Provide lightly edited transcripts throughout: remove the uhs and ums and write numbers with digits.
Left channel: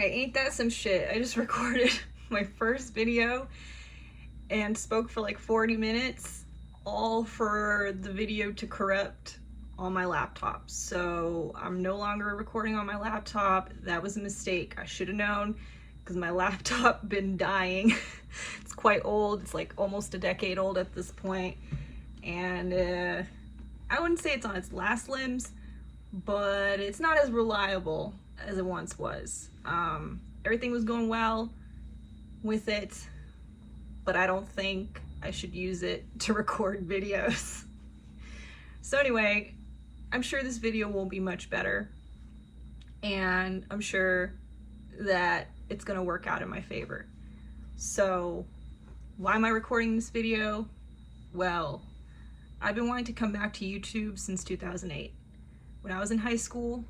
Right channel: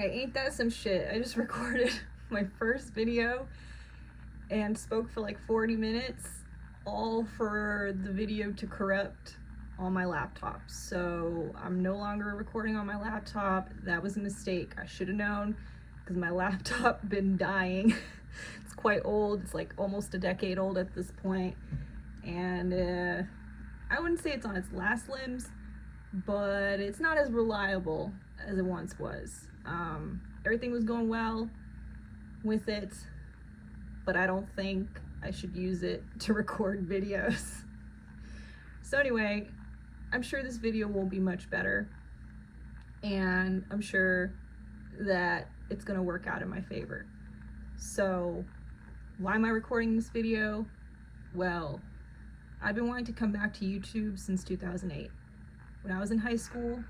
Alright, ain't that some shit? I just recorded my first video and spoke for like 40 minutes, all for the video to corrupt on my laptop. So I'm no longer recording on my laptop. That was a mistake. I should have known because my laptop been dying. It's quite old. It's like almost a decade old at this point. And I wouldn't say it's on its last limbs, but it's not as reliable as it once was. Everything was going well with it, but I don't think I should use it to record videos. So anyway, I'm sure this video won't be much better, and I'm sure that it's gonna work out in my favor. So why am I recording this video? Well, I've been wanting to come back to YouTube since 2008. When I was in high school,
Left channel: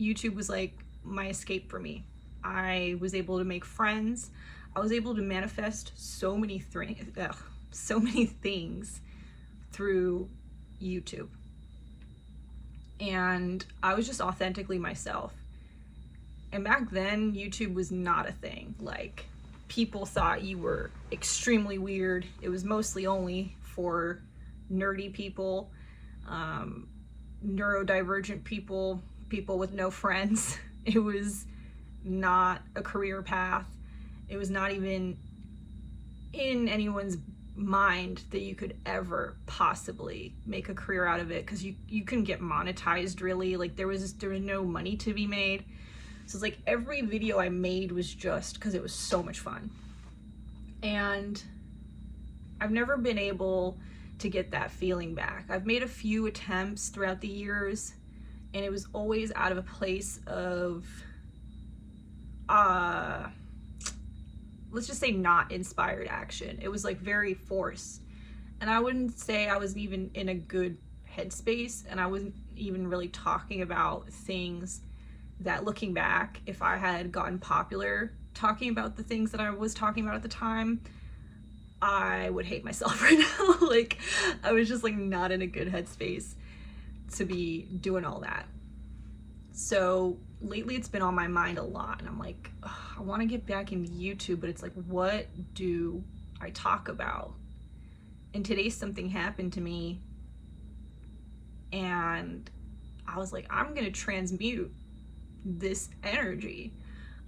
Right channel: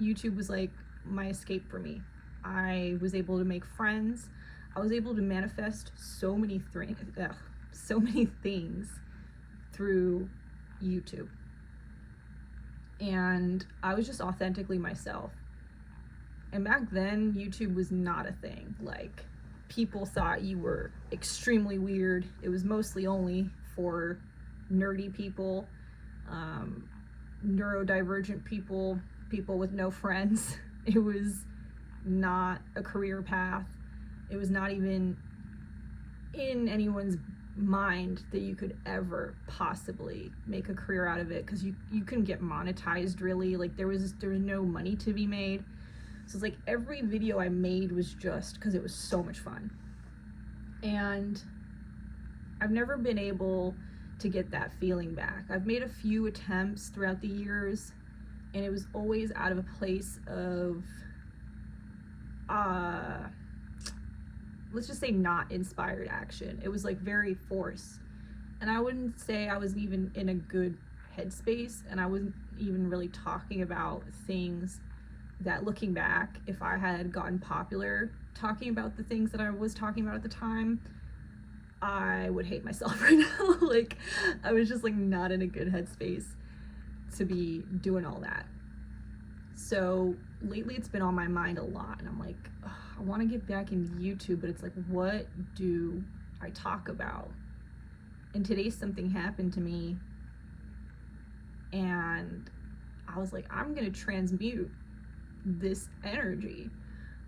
YouTube was like my escape for me. I was able to make friends. I was able to manifest so many things through YouTube. And I was just authentically myself. And back then, YouTube was not a thing. Like, people thought you were extremely weird. It was mostly only for nerdy people, neurodivergent people, people with no friends. It was not a career path. It was not even in anyone's mind that you could ever possibly make a career out of it, because you couldn't get monetized really. Like there was no money to be made. So it's like every video I made was just because it was so much fun. And I've never been able to get that feeling back. I've made a few attempts throughout the years, and it was always out of a place of let's just say not inspired action. It was like very forced, and I wouldn't say I was even in a good headspace, and I wasn't even really talking about things that, looking back, if I had gotten popular talking about the things that I was talking about at the time, I would hate myself right now. Like, I was just like not in a good headspace to be doing all that. So lately it's been on my mind a lot, and I'm like, I want to get back into YouTube, but it's like, what do I talk about? And today something happened to me, and I was like, I'm gonna transmute this energy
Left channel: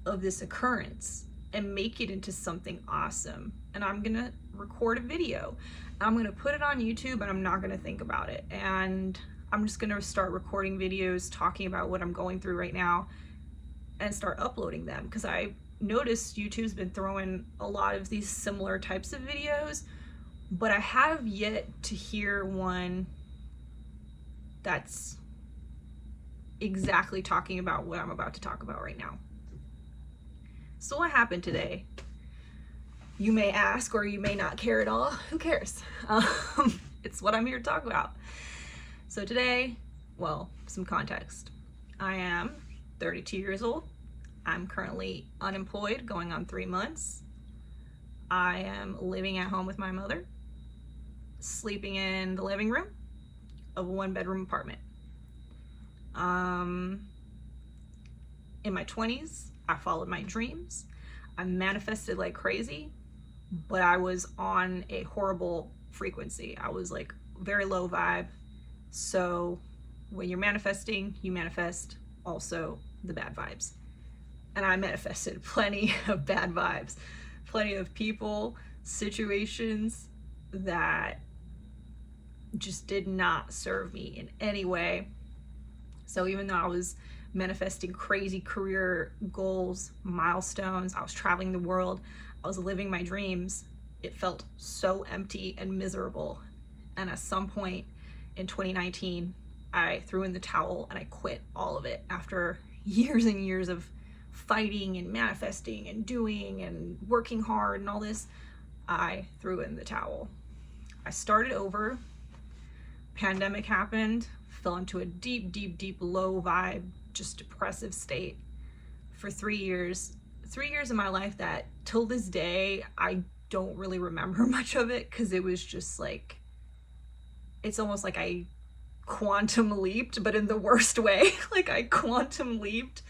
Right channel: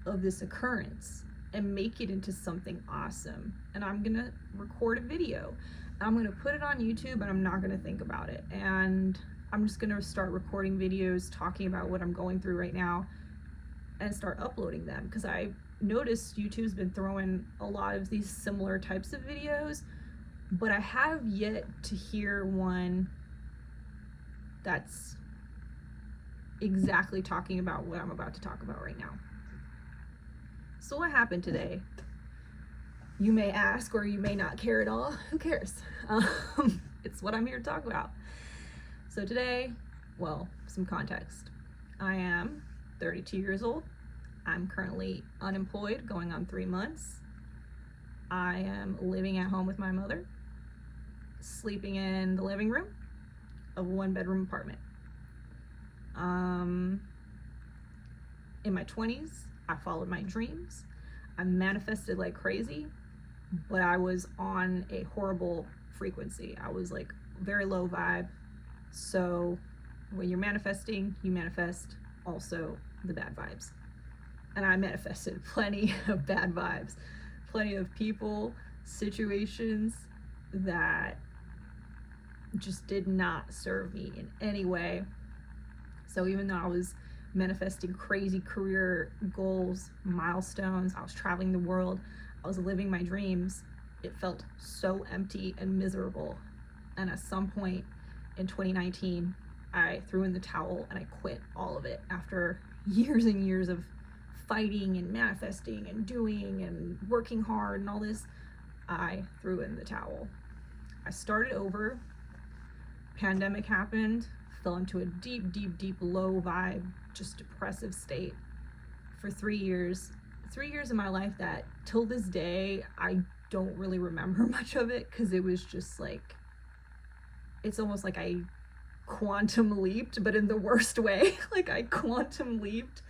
of this occurrence and make it into something awesome. And I'm gonna record a video. I'm gonna put it on YouTube, and I'm not gonna think about it. And I'm just gonna start recording videos talking about what I'm going through right now and start uploading them, because I noticed YouTube's been throwing a lot of these similar types of videos, but I have yet to hear one that's exactly talking about what I'm about to talk about right now. So what happened today? You may ask, or you may not care at all. Who cares? It's what I'm here to talk about. So today, well, some context. I am 32 years old. I'm currently unemployed, going on 3 months. I am living at home with my mother, sleeping in the living room of a 1-bedroom apartment. In my 20s, I followed my dreams. I manifested like crazy, but I was on a horrible frequency. I was like very low vibe. So when you're manifesting, you manifest also the bad vibes. And I manifested plenty of bad vibes, plenty of people, situations that just did not serve me in any way. So even though I was manifesting crazy career goals, milestones, I was traveling the world, I was living my dreams, it felt so empty and miserable. And at some point in 2019, I threw in the towel and I quit all of it. After years and years of fighting and manifesting and doing and working hard and all this, I threw in the towel. I started over. Pandemic happened, fell into a deep, deep, deep low vibe, just depressive state for 3 years. 3 years of my life that till this day, I don't really remember much of it, because it was just like, it's almost like I quantum leaped, but in the worst way. Like I quantum leaped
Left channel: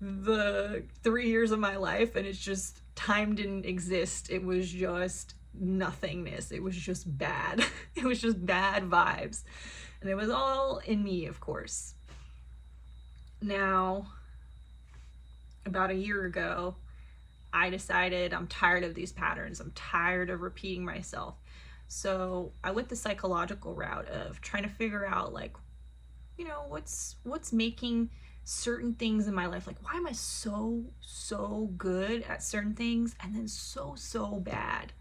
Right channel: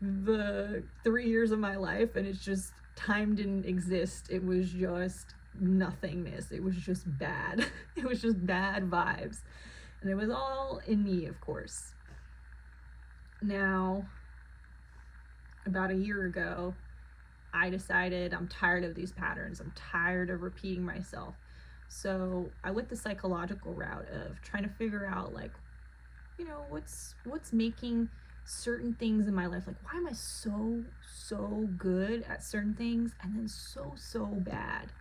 the 3 years of my life, and it's just time didn't exist. It was just nothingness. It was just bad. It was just bad vibes. And it was all in me, of course. Now, about a year ago, I decided I'm tired of these patterns. I'm tired of repeating myself. So I went the psychological route of trying to figure out, like, what's making certain things in my life, like, why am I so good at certain things and then so bad,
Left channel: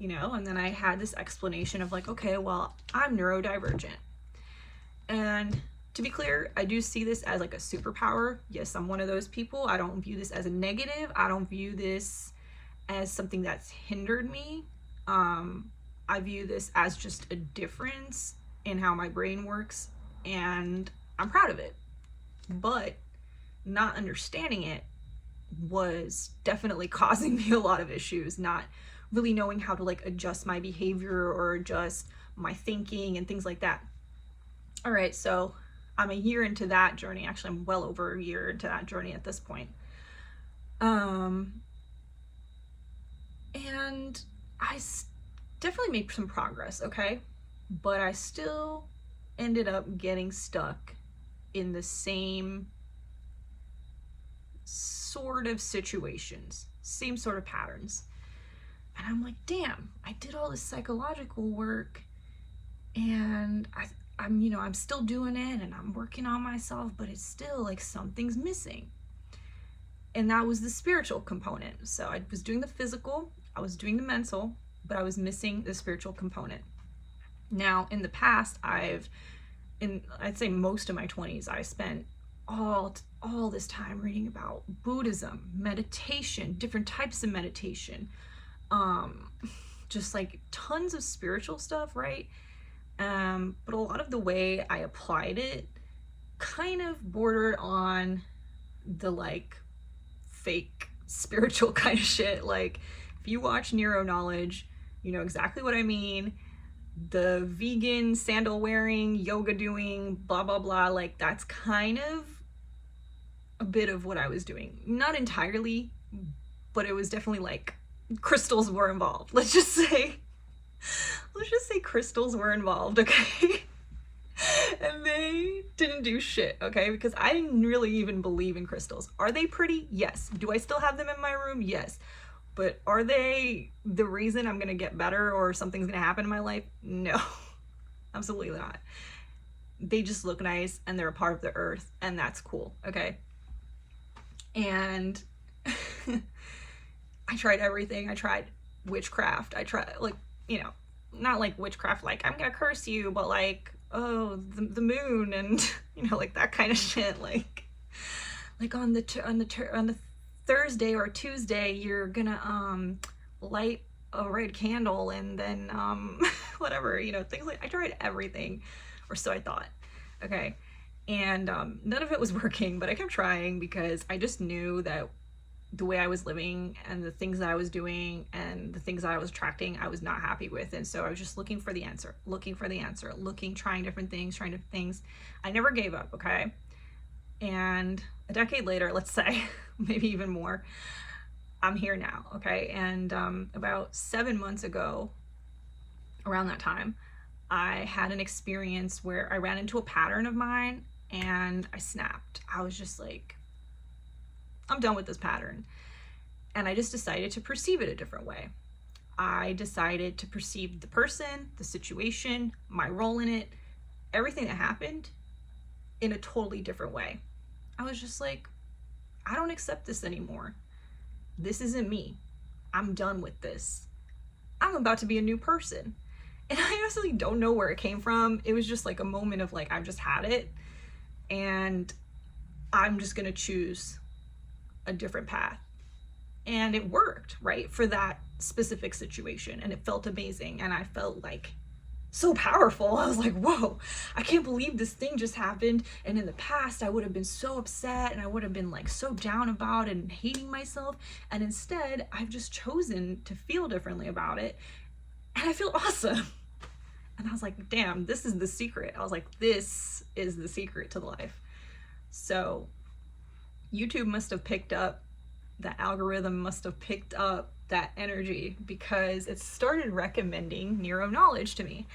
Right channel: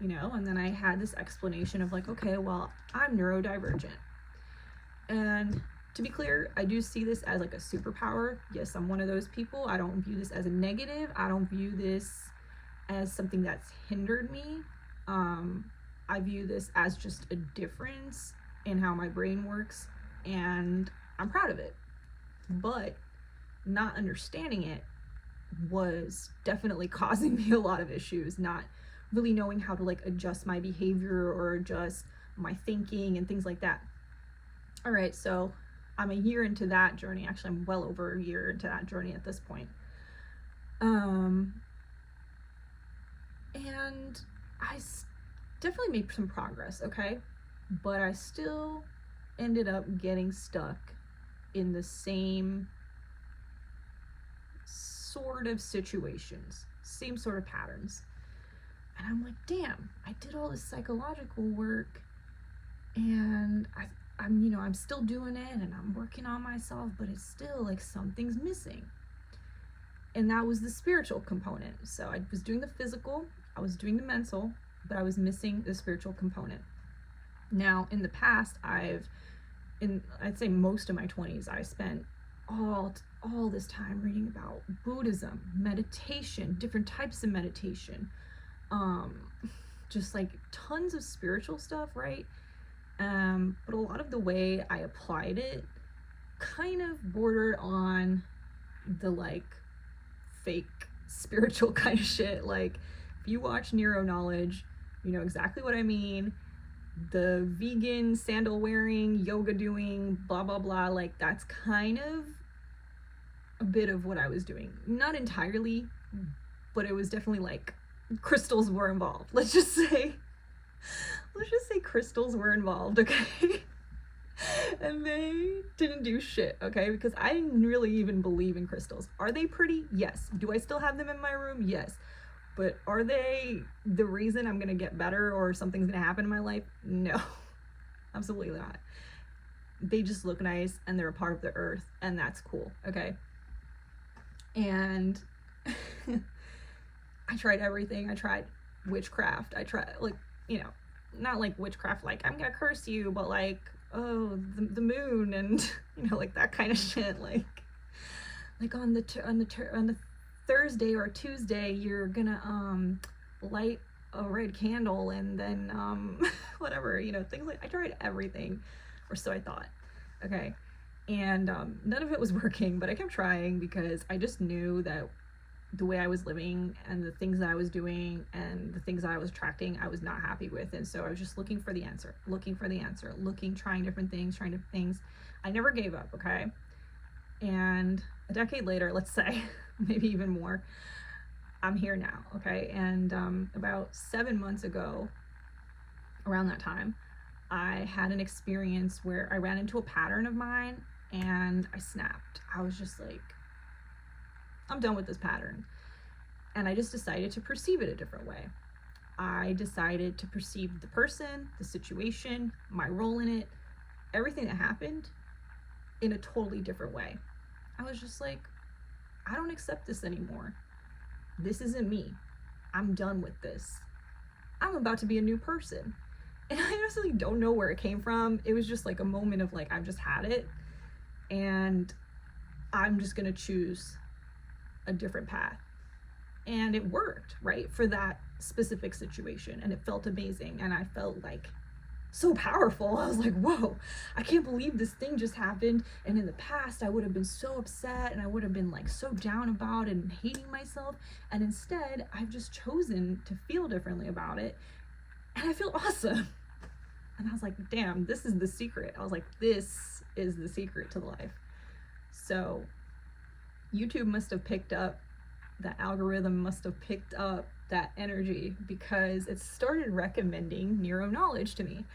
and then I had this explanation of, like, okay, well, I'm neurodivergent. And to be clear, I do see this as like a superpower. Yes, I'm one of those people. I don't view this as a negative. I don't view this as something that's hindered me. I view this as just a difference in how my brain works, and I'm proud of it. But not understanding it was definitely causing me a lot of issues, not really knowing how to, like, adjust my behavior or adjust my thinking and things like that. All right, so I'm a year into that journey. Actually, I'm well over a year into that journey at this point. And I definitely made some progress, okay? But I still ended up getting stuck in the same sort of situations, same sort of patterns. And I'm like, damn, I did all this psychological work, and I'm still doing it, and I'm working on myself, but it's still like something's missing. And that was the spiritual component. So I was doing the physical, I was doing the mental, but I was missing the spiritual component. Now, in the past, I'd say most of my 20s, I spent all this time reading about Buddhism, meditation, different types of meditation, just like tons of spiritual stuff, right? But a lot of the way I applied it kind of bordered on the, like, fake spiritual kind of shit. Like, if you watch Neuro Knowledge, you know exactly what I mean. The vegan, sandal wearing, yoga doing, blah blah blah, like, that's kind of a bit of what I was doing. Not entirely, but it was definitely, like, crystals were involved. Let's just say crystals were involved, okay? And they didn't do shit, okay? Because I didn't really even believe in crystals. Are they pretty? Yes. Do I still have them in my room? Yes. But are they the reason I'm gonna get better or something's gonna happen in my life? No. Absolutely not. They just look nice and they're a part of the earth, and that's cool, okay? And I tried everything. I tried witchcraft. I tried, like, not like witchcraft, like, I'm gonna curse you, but like, oh, the moon, and like that kind of shit. Like on the Thursday or Tuesday, you're gonna light a red candle, and then whatever, things like, I tried everything, or so I thought, okay? And none of it was working, but I kept trying because I just knew that the way I was living and the things that I was doing and the things that I was attracting, I was not happy with. And so I was just looking for the answer, trying different things, I never gave up, okay? And a decade later, let's say, maybe even more, I'm here now, okay? And about 7 months ago, around that time, I had an experience where I ran into a pattern of mine and I snapped. I was just like, I'm done with this pattern. And I just decided to perceive it a different way. I decided to perceive the person, the situation, my role in it, everything that happened in a totally different way. I was just like, I don't accept this anymore. This isn't me. I'm done with this. I'm about to be a new person. And I honestly don't know where it came from. It was just like a moment of, like, I've just had it, and I'm just gonna choose a different path. And it worked, right, for that specific situation, and it felt amazing, and I felt like so powerful. I was like, whoa, I can't believe this thing just happened. And in the past, I would have been so upset, and I would have been, like, so down about it and hating myself, and instead I've just chosen to feel differently about it, and I feel awesome. And I was like, damn, this is the secret. I was like, this is the secret to life. So YouTube must have picked up, the algorithm must have picked up that energy, because it started recommending neuro knowledge to me.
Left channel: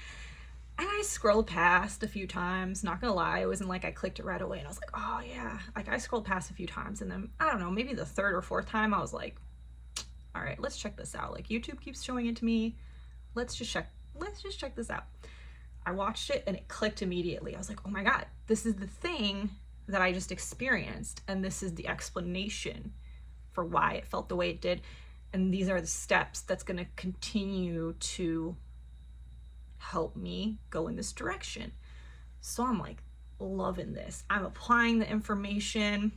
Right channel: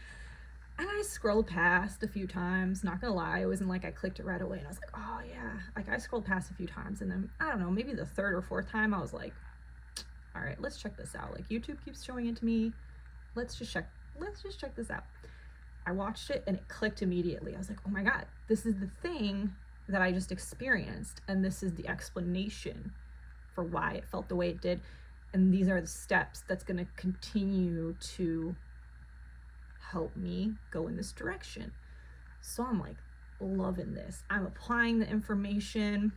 And I scrolled past a few times, not gonna lie, it wasn't like I clicked it right away and I was like, oh yeah. Like, I scrolled past a few times, and then, I don't know, maybe the third or fourth time I was like, all right, let's check this out. Like, YouTube keeps showing it to me. Let's just check this out. I watched it and it clicked immediately. I was like, oh my God, this is the thing that I just experienced, and this is the explanation for why it felt the way it did. And these are the steps that's going to continue to help me go in this direction. So I'm like loving this. I'm applying the information,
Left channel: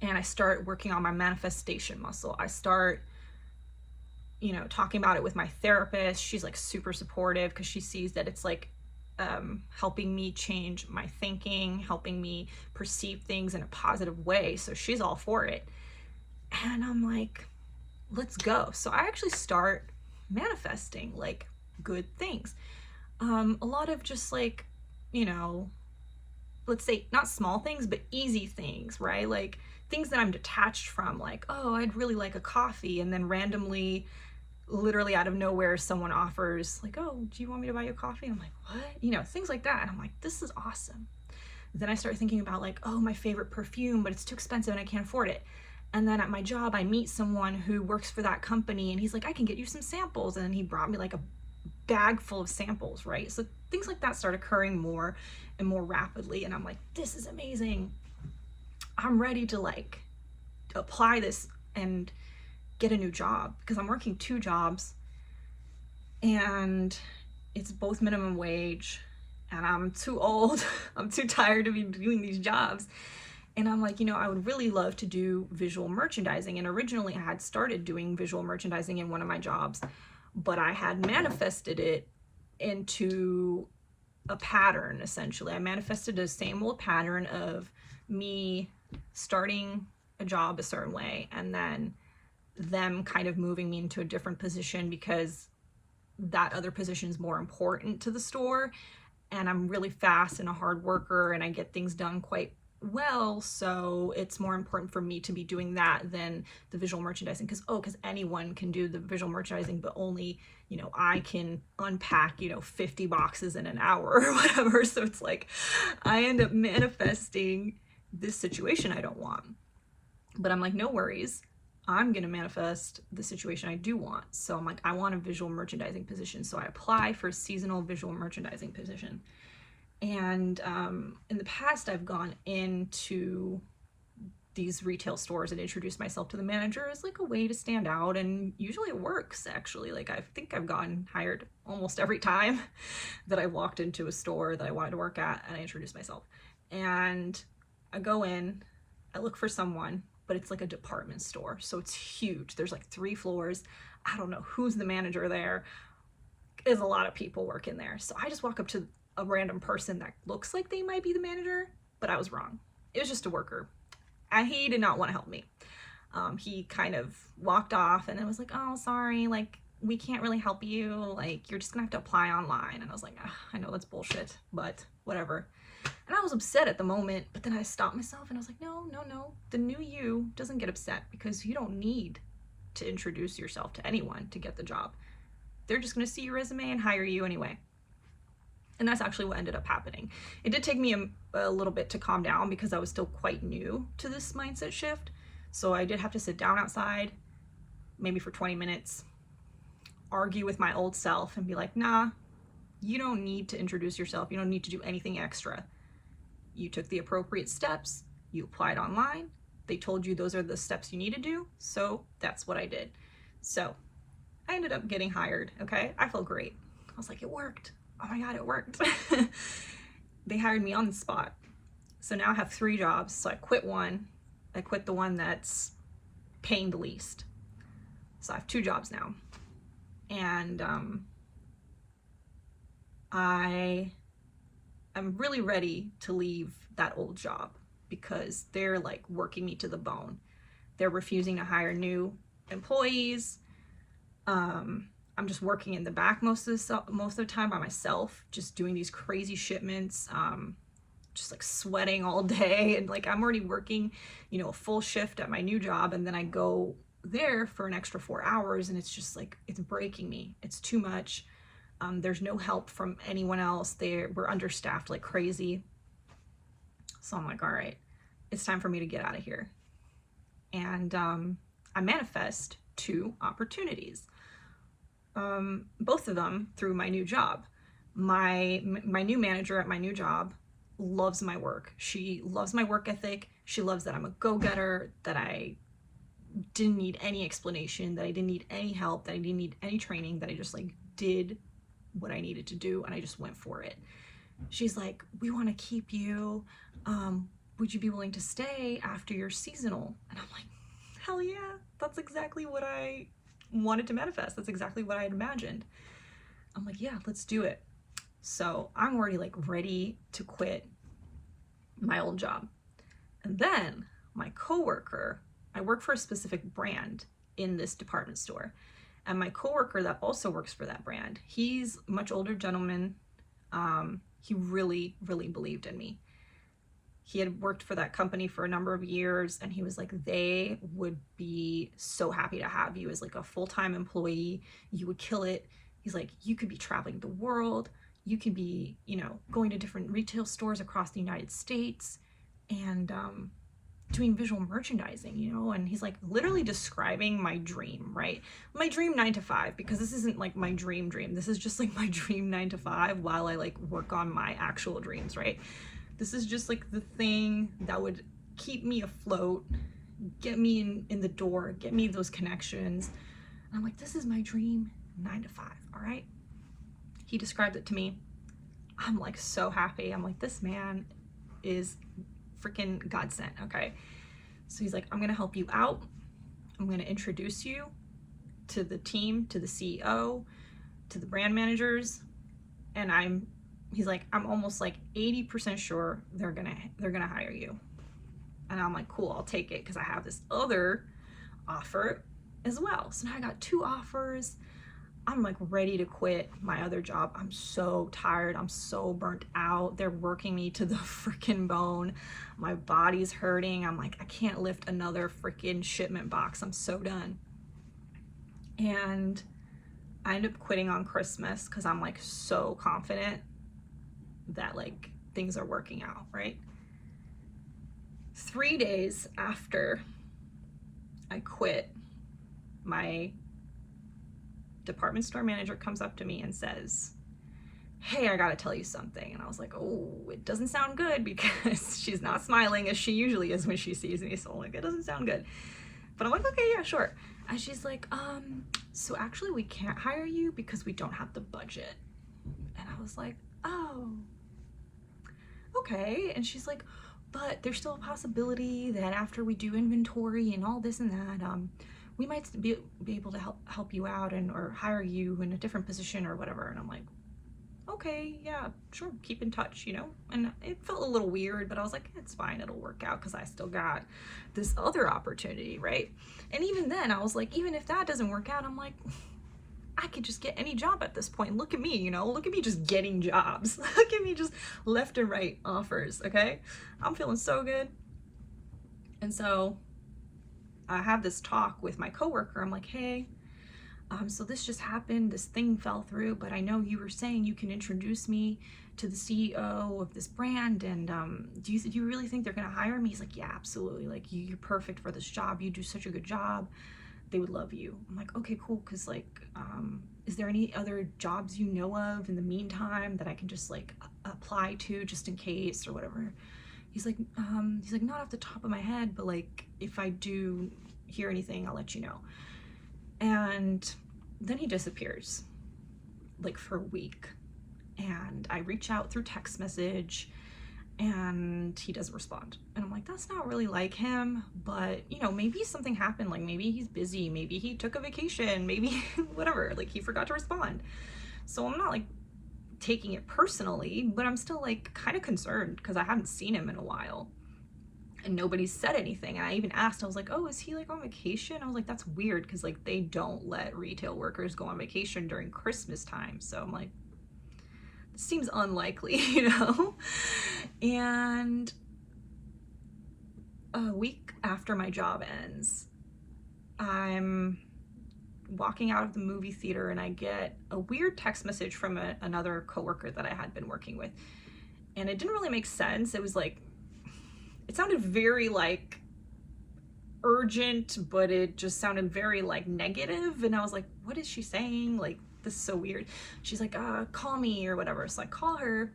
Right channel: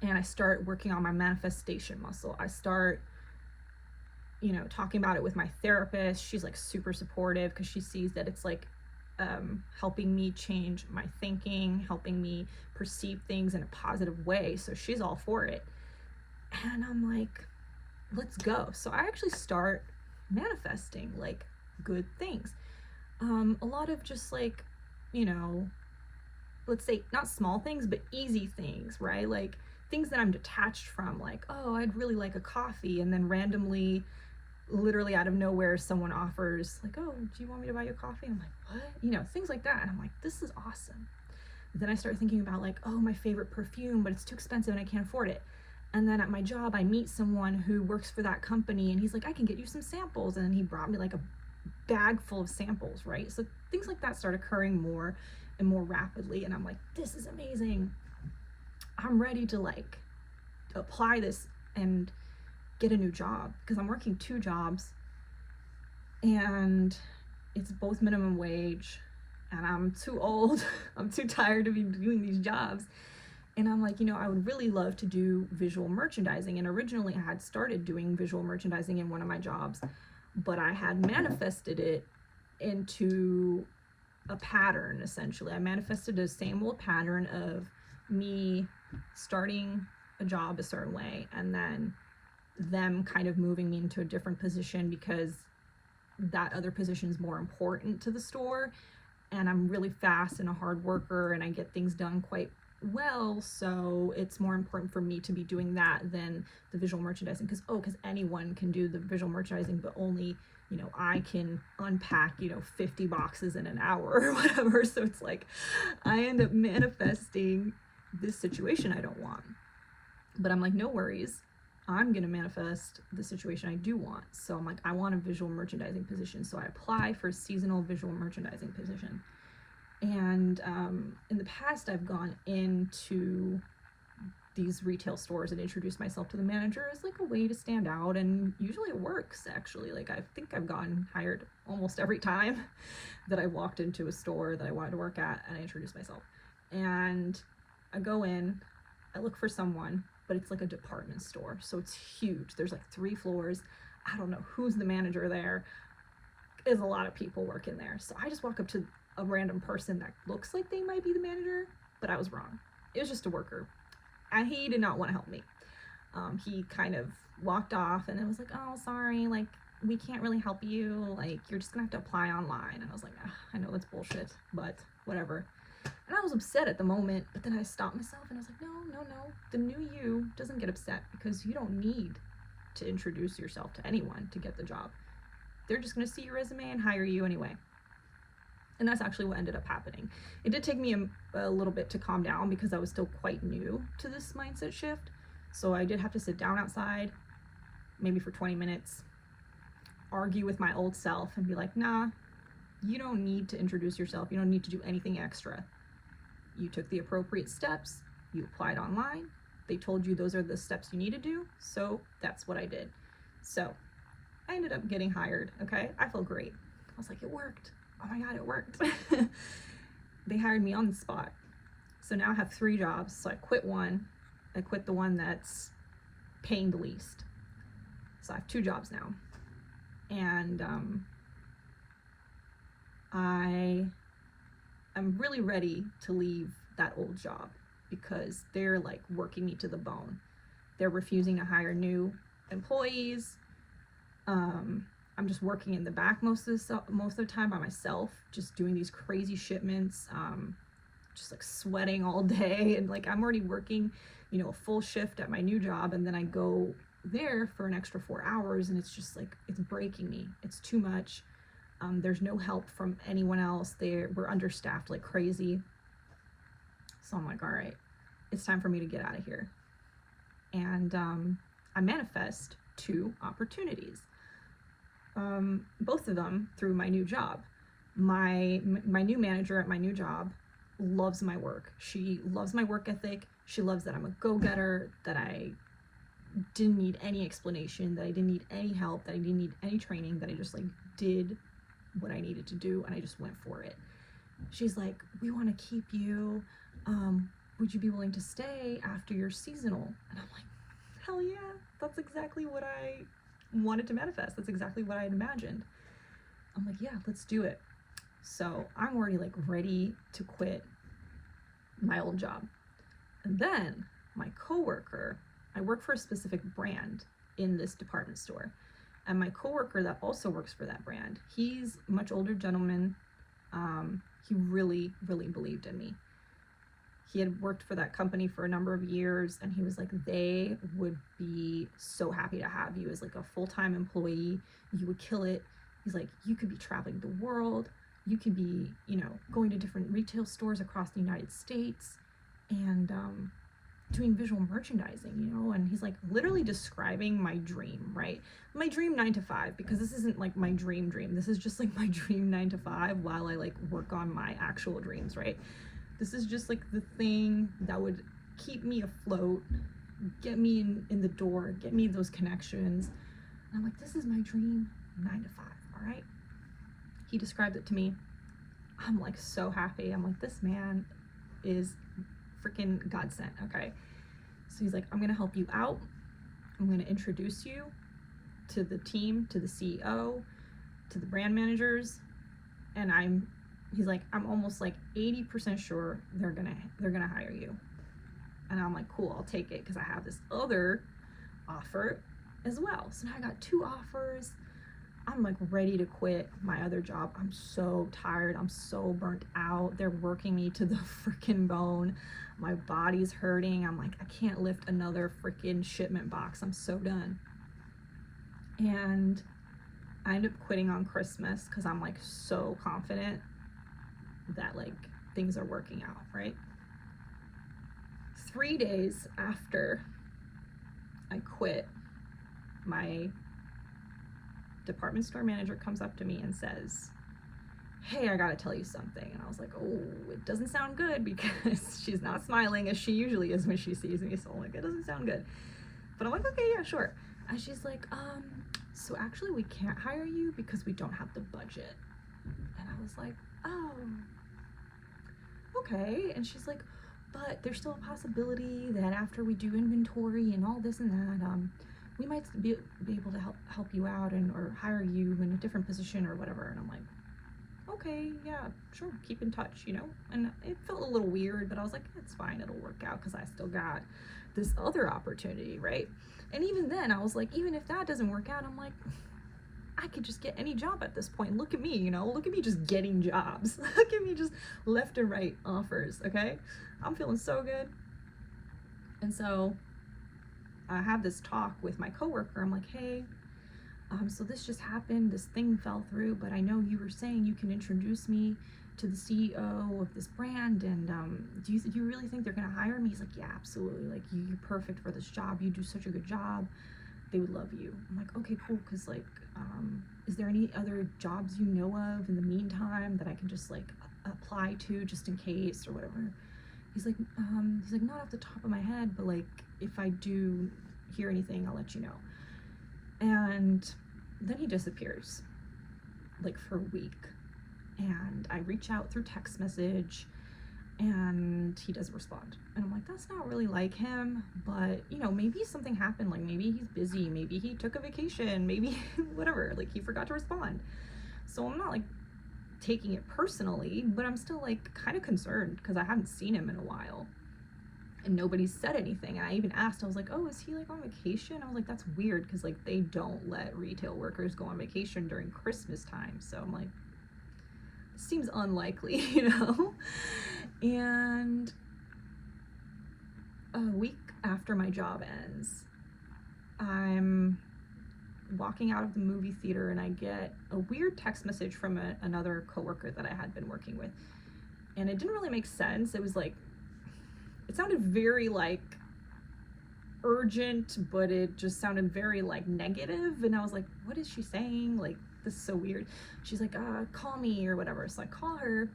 and I start working on my manifestation muscle. I start, talking about it with my therapist. She's like super supportive, because she sees that it's like helping me change my thinking, helping me perceive things in a positive way. So she's all for it. And I'm like, let's go. So I actually start manifesting like good things. A lot of just like, let's say not small things, but easy things, right? Like things that I'm detached from, like, oh, I'd really like a coffee. And then randomly, literally out of nowhere, someone offers like, oh, do you want me to buy you a coffee? And I'm like, what? Things like that. And I'm like, this is awesome. Then I start thinking about like, oh, my favorite perfume, but it's too expensive and I can't afford it. And then at my job, I meet someone who works for that company, and he's like, I can get you some samples. And then he brought me like a bag full of samples, right? So things like that start occurring more and more rapidly. And I'm like, this is amazing. I'm ready to like apply this and get a new job, because I'm working 2 jobs and it's both minimum wage, and I'm too old. I'm too tired to be doing these jobs. And I'm like, I would really love to do visual merchandising. And originally I had started doing visual merchandising in one of my jobs, but I had manifested it into a pattern, essentially. I manifested the same old pattern of me starting a job a certain way, and then them kind of moving me into a different position because that other position is more important to the store, and I'm really fast and a hard worker and I get things done quite well, so it's more important for me to be doing that than the visual merchandising, because anyone can do the visual merchandising, but only I can unpack 50 boxes in an hour or whatever. So it's like I end up manifesting this situation I don't want, but I'm like, no worries, I'm gonna manifest the situation I do want. So I'm like, I want a visual merchandising position, so I apply for a seasonal visual merchandising position. And in the past, I've gone into these retail stores and introduced myself to the manager as like a way to stand out, and usually it works, actually. Like, I think I've gotten hired almost every time that I walked into a store that I wanted to work at, and I introduced myself. And I go in, I look for someone, but it's like a department store, so it's huge. There's like 3 floors. I don't know who's the manager there. There's a lot of people working there. So I just walk up to a random person that looks like they might be the manager, but I was wrong. It was just a worker, and he did not want to help me. He kind of walked off and it was like, oh, sorry, like, we can't really help you. Like, you're just gonna have to apply online. And I was like, I know that's bullshit, but whatever. And I was upset at the moment, but then I stopped myself and I was like, no. The new you doesn't get upset, because you don't need to introduce yourself to anyone to get the job. They're just gonna see your resume and hire you anyway. And that's actually what ended up happening. It did take me a little bit to calm down, because I was still quite new to this mindset shift. So I did have to sit down outside, maybe for 20 minutes, argue with my old self and be like, nah, you don't need to introduce yourself. You don't need to do anything extra. You took the appropriate steps. You applied online. They told you those are the steps you need to do. So that's what I did. So I ended up getting hired, okay? I felt great. I was like, it worked. Oh my God, it worked. They hired me on the spot. So now I have 3 jobs. So I quit one. I quit the one that's paying the least. So I have 2 jobs now. And I'm really ready to leave that old job, because they're like working me to the bone. They're refusing to hire new employees. I'm just working in the back most of the time by myself, just doing these crazy shipments. just like sweating all day, and like I'm already working, you know, a full shift at my new job, and then I go there for an extra 4 hours, and it's just like it's breaking me. It's too much. There's no help from anyone else. We're understaffed like crazy. So I'm like, all right, it's time for me to get out of here. And I manifest 2 opportunities. Both of them through my new job. My new manager at my new job loves my work. She loves my work ethic. She loves that I'm a go-getter, that I didn't need any explanation, that I didn't need any help, that I didn't need any training, that I just like did what I needed to do and I just went for it. She's like, we want to keep you. Would you be willing to stay after your seasonal? And I'm like, hell yeah, that's exactly what I wanted to manifest. That's exactly what I had imagined. I'm like, yeah, let's do it. So I'm already like ready to quit my old job. And then my coworker, I work for a specific brand in this department store. And my coworker that also works for that brand, he's a much older gentleman. He really, really believed in me. He had worked for that company for a number of years, and he was like, they would be so happy to have you as like a full-time employee. You would kill it. He's like, you could be traveling the world. You could be, you know, going to different retail stores across the United States and doing visual merchandising, you know. And he's like literally describing my dream, right? My dream 9 to 5, because this isn't like my dream. This is just like my dream 9 to 5 while I like work on my actual dreams, right? This is just like the thing that would keep me afloat, get me in the door, get me those connections. And I'm like, this is my dream 9 to 5, all right? He described it to me. I'm like so happy. I'm like, this man is freaking God sent, okay? So he's like, I'm gonna help you out. I'm gonna introduce you to the team, to the CEO, to the brand managers, and he's like, I'm almost like 80% sure they're gonna hire you. And I'm like, cool, I'll take it, because I have this other offer as well. So now I got 2 offers. I'm like ready to quit my other job. I'm so tired. I'm so burnt out. They're working me to the freaking bone. My body's hurting. I'm like, I can't lift another freaking shipment box. I'm so done. And I end up quitting on Christmas because I'm like so confident that like things are working out, right? 3 days after I quit, my department store manager comes up to me and says, hey, I gotta tell you something. And I was like, oh, it doesn't sound good, because she's not smiling as she usually is when she sees me. So I'm like, it doesn't sound good. But I'm like, okay, yeah, sure. And she's like, so actually we can't hire you because we don't have the budget. And I was like, oh, okay. And she's like, but there's still a possibility that after we do inventory and all this and that, we might be able to help you out or hire you in a different position or whatever. And I'm like, okay, yeah, sure, keep in touch, you know? And it felt a little weird, but I was like, it's fine, it'll work out, because I still got this other opportunity, right? And even then, I was like, even if that doesn't work out, I'm like, I could just get any job at this point. Look at me, you know? Look at me just getting jobs. Look at me just left and right offers, okay? I'm feeling so good. And so I have this talk with my coworker. I'm like, hey, so this just happened. This thing fell through, but I know you were saying you can introduce me to the CEO of this brand, and do you really think they're gonna hire me? He's like, yeah, absolutely. Like, you're perfect for this job. You do such a good job. They would love you. I'm like, okay, cool. Because like, is there any other jobs you know of in the meantime that I can just like apply to just in case or whatever? He's like, not off the top of my head, but like, if I do hear anything, I'll let you know. And then he disappears, like for a week. And I reach out through text message, and he doesn't respond. And I'm like, that's not really like him, but you know, maybe something happened. Like maybe he's busy, maybe he took a vacation, maybe whatever, like he forgot to respond. So I'm not like taking it personally, but I'm still like kind of concerned because I haven't seen him in a while. And nobody said anything. And I even asked, I was like, oh, is he like on vacation? I was like, that's weird, because like they don't let retail workers go on vacation during Christmas time. So I'm like, seems unlikely, you know? And a week after my job ends, I'm walking out of the movie theater and I get a weird text message from another coworker that I had been working with. And it didn't really make sense. It was like, it sounded very like urgent, but it just sounded very like negative. And I was like, what is she saying? Like, this is so weird. She's like, call me or whatever. So I call her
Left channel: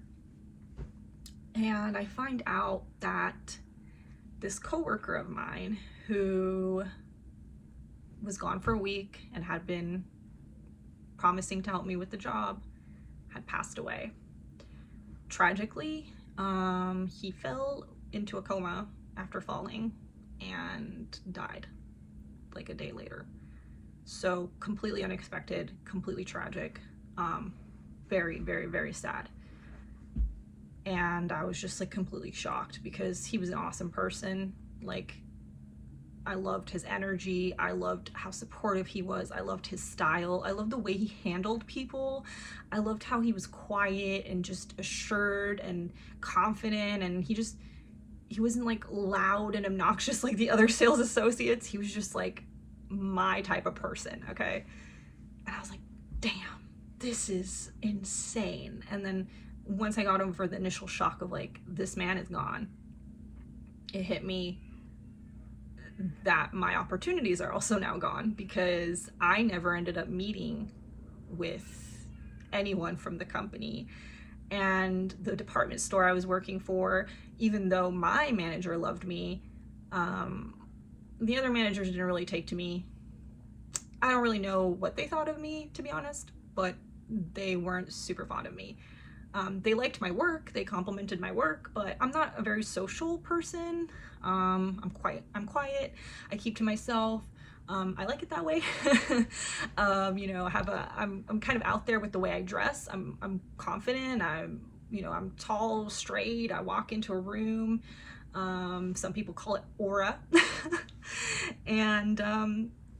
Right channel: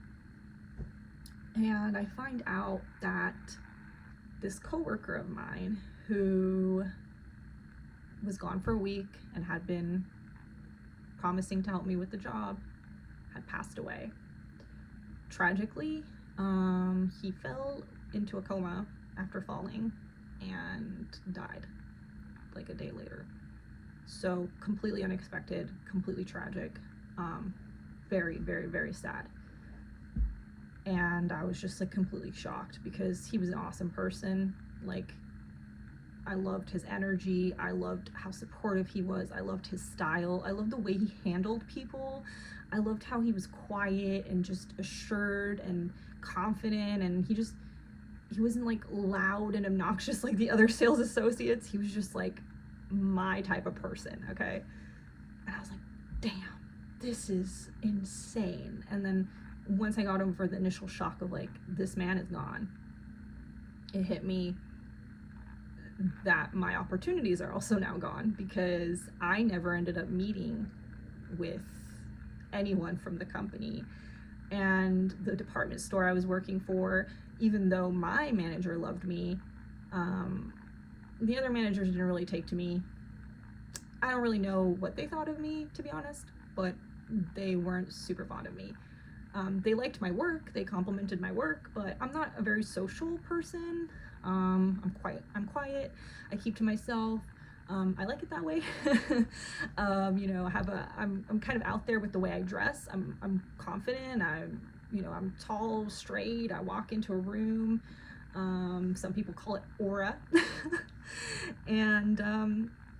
and I find out that this coworker of mine who was gone for a week and had been promising to help me with the job had passed away. Tragically, he fell into a coma after falling and died like a day later. So completely unexpected, completely tragic, very, very, very sad. And I was just like completely shocked because he was an awesome person. Like, I loved his energy. I loved how supportive he was. I loved his style. I loved the way he handled people. I loved how he was quiet and just assured and confident. And he wasn't like loud and obnoxious like the other sales associates. He was just like my type of person, okay? And I was like, damn, this is insane. And then once I got over the initial shock of like, this man is gone, it hit me that my opportunities are also now gone because I never ended up meeting with anyone from the company. And the department store I was working for, even though my manager loved me, the other managers didn't really take to me. I don't really know what they thought of me, to be honest, but they weren't super fond of me. They liked my work, they complimented my work, but I'm not a very social person. I'm quiet, I keep to myself. I like it that way. You know, I'm kind of out there with the way I dress. I'm confident. I'm tall, straight. I walk into a room. Some people call it aura. And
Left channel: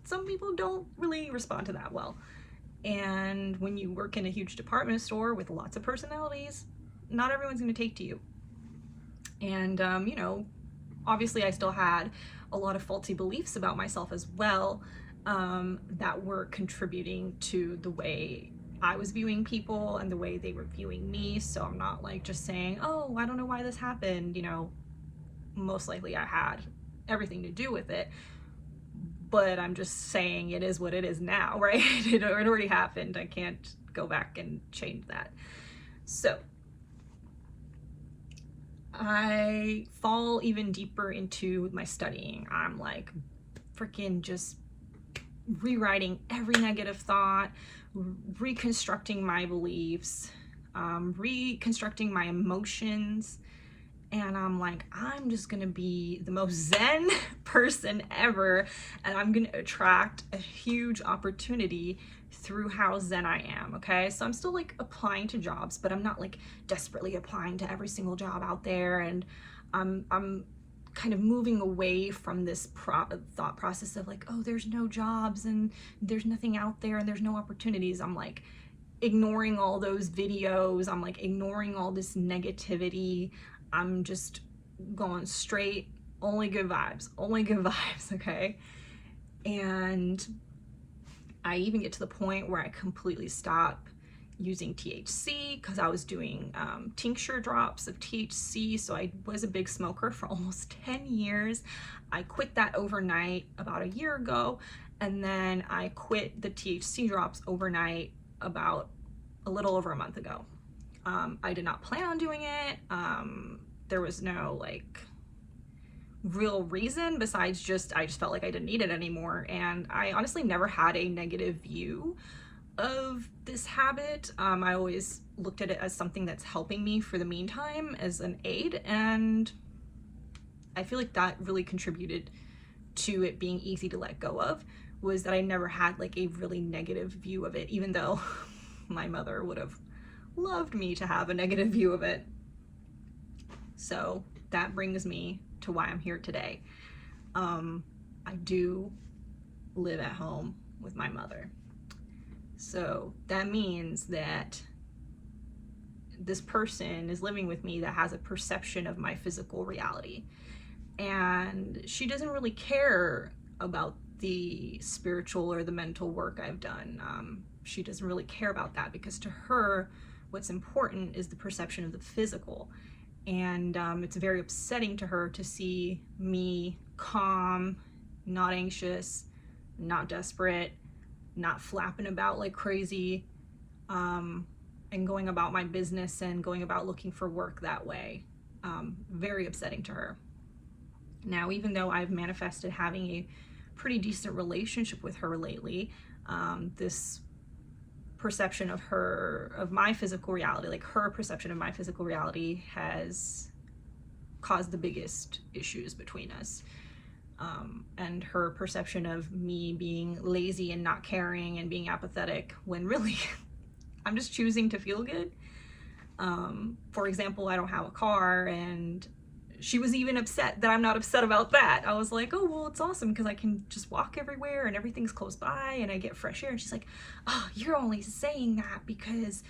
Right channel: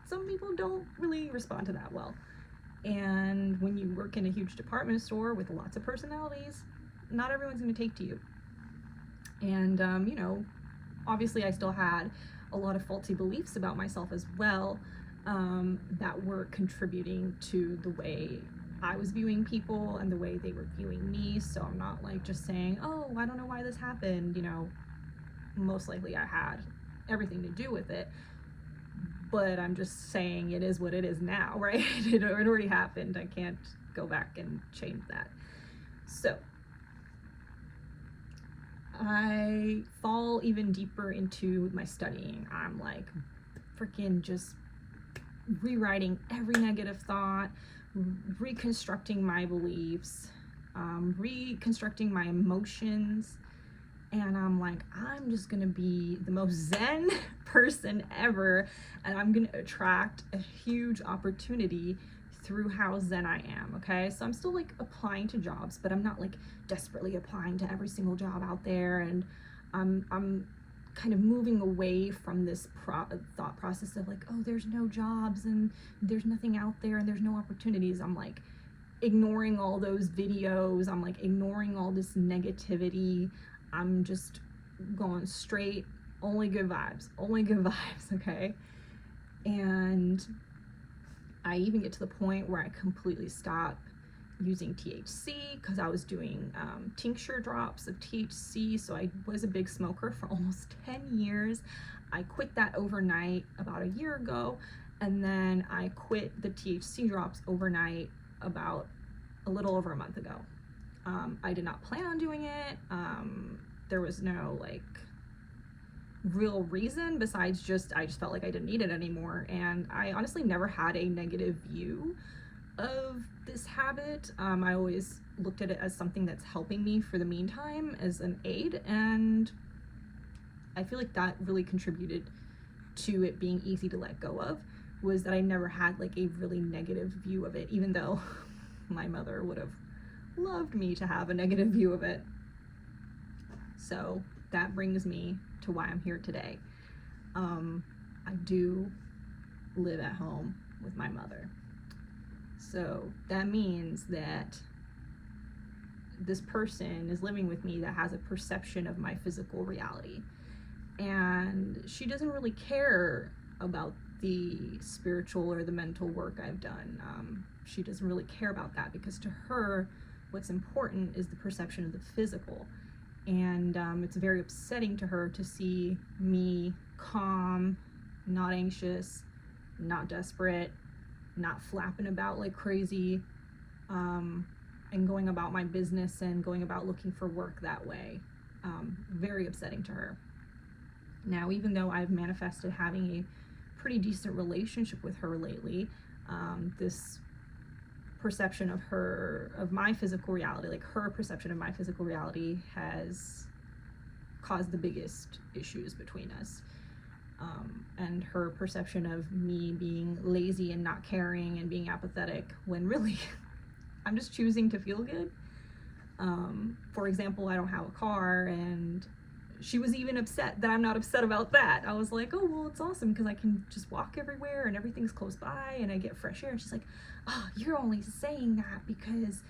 some people don't really respond to that well. And when you work in a huge department store with lots of personalities, not everyone's going to take to you. And, you know, obviously I still had a lot of faulty beliefs about myself as well, that were contributing to the way I was viewing people and the way they were viewing me. So I'm not like just saying, oh, I don't know why this happened. You know, most likely I had everything to do with it, but I'm just saying it is what it is now, right? It already happened. I can't go back and change that. So I fall even deeper into my studying. I'm like freaking just rewriting every negative thought, reconstructing my beliefs, reconstructing my emotions. And I'm like, I'm just gonna be the most zen person ever, and I'm gonna attract a huge opportunity through how zen I am, okay? So I'm still like applying to jobs, but I'm not like desperately applying to every single job out there, and I'm kind of moving away from this thought process of like, oh, there's no jobs and there's nothing out there and there's no opportunities. I'm like ignoring all those videos. I'm like ignoring all this negativity. I'm just going straight, only good vibes, okay? And I even get to the point where I completely stop using THC because I was doing tincture drops of THC. So I was a big smoker for almost 10 years. I quit that overnight about a year ago, and then I quit the THC drops overnight about a little over a month ago. I did not plan on doing it. There was no like real reason besides I just felt like I didn't need it anymore. And I honestly never had a negative view of this habit. I always looked at it as something that's helping me for the meantime as an aid. And I feel like that really contributed to it being easy to let go of, was that I never had like a really negative view of it, even though my mother would have loved me to have a negative view of it. So that brings me to why I'm here today. I do live at home with my mother. So that means that this person is living with me that has a perception of my physical reality. And she doesn't really care about the spiritual or the mental work I've done. She doesn't really care about that, because to her, what's important is the perception of the physical. And it's very upsetting to her to see me calm, not anxious, not desperate, not flapping about like crazy, and going about my business and going about looking for work that way. Very upsetting to her. Now, even though I've manifested having a pretty decent relationship with her lately, this perception of my physical reality, like her perception of my physical reality, has caused the biggest issues between us. And her perception of me being lazy and not caring and being apathetic, when really I'm just choosing to feel good. For example, I don't have a car, and she was even upset that I'm not upset about that. I was like, oh, well, it's awesome because I can just walk everywhere and everything's close by and I get fresh air. And she's like, oh, you're only saying that because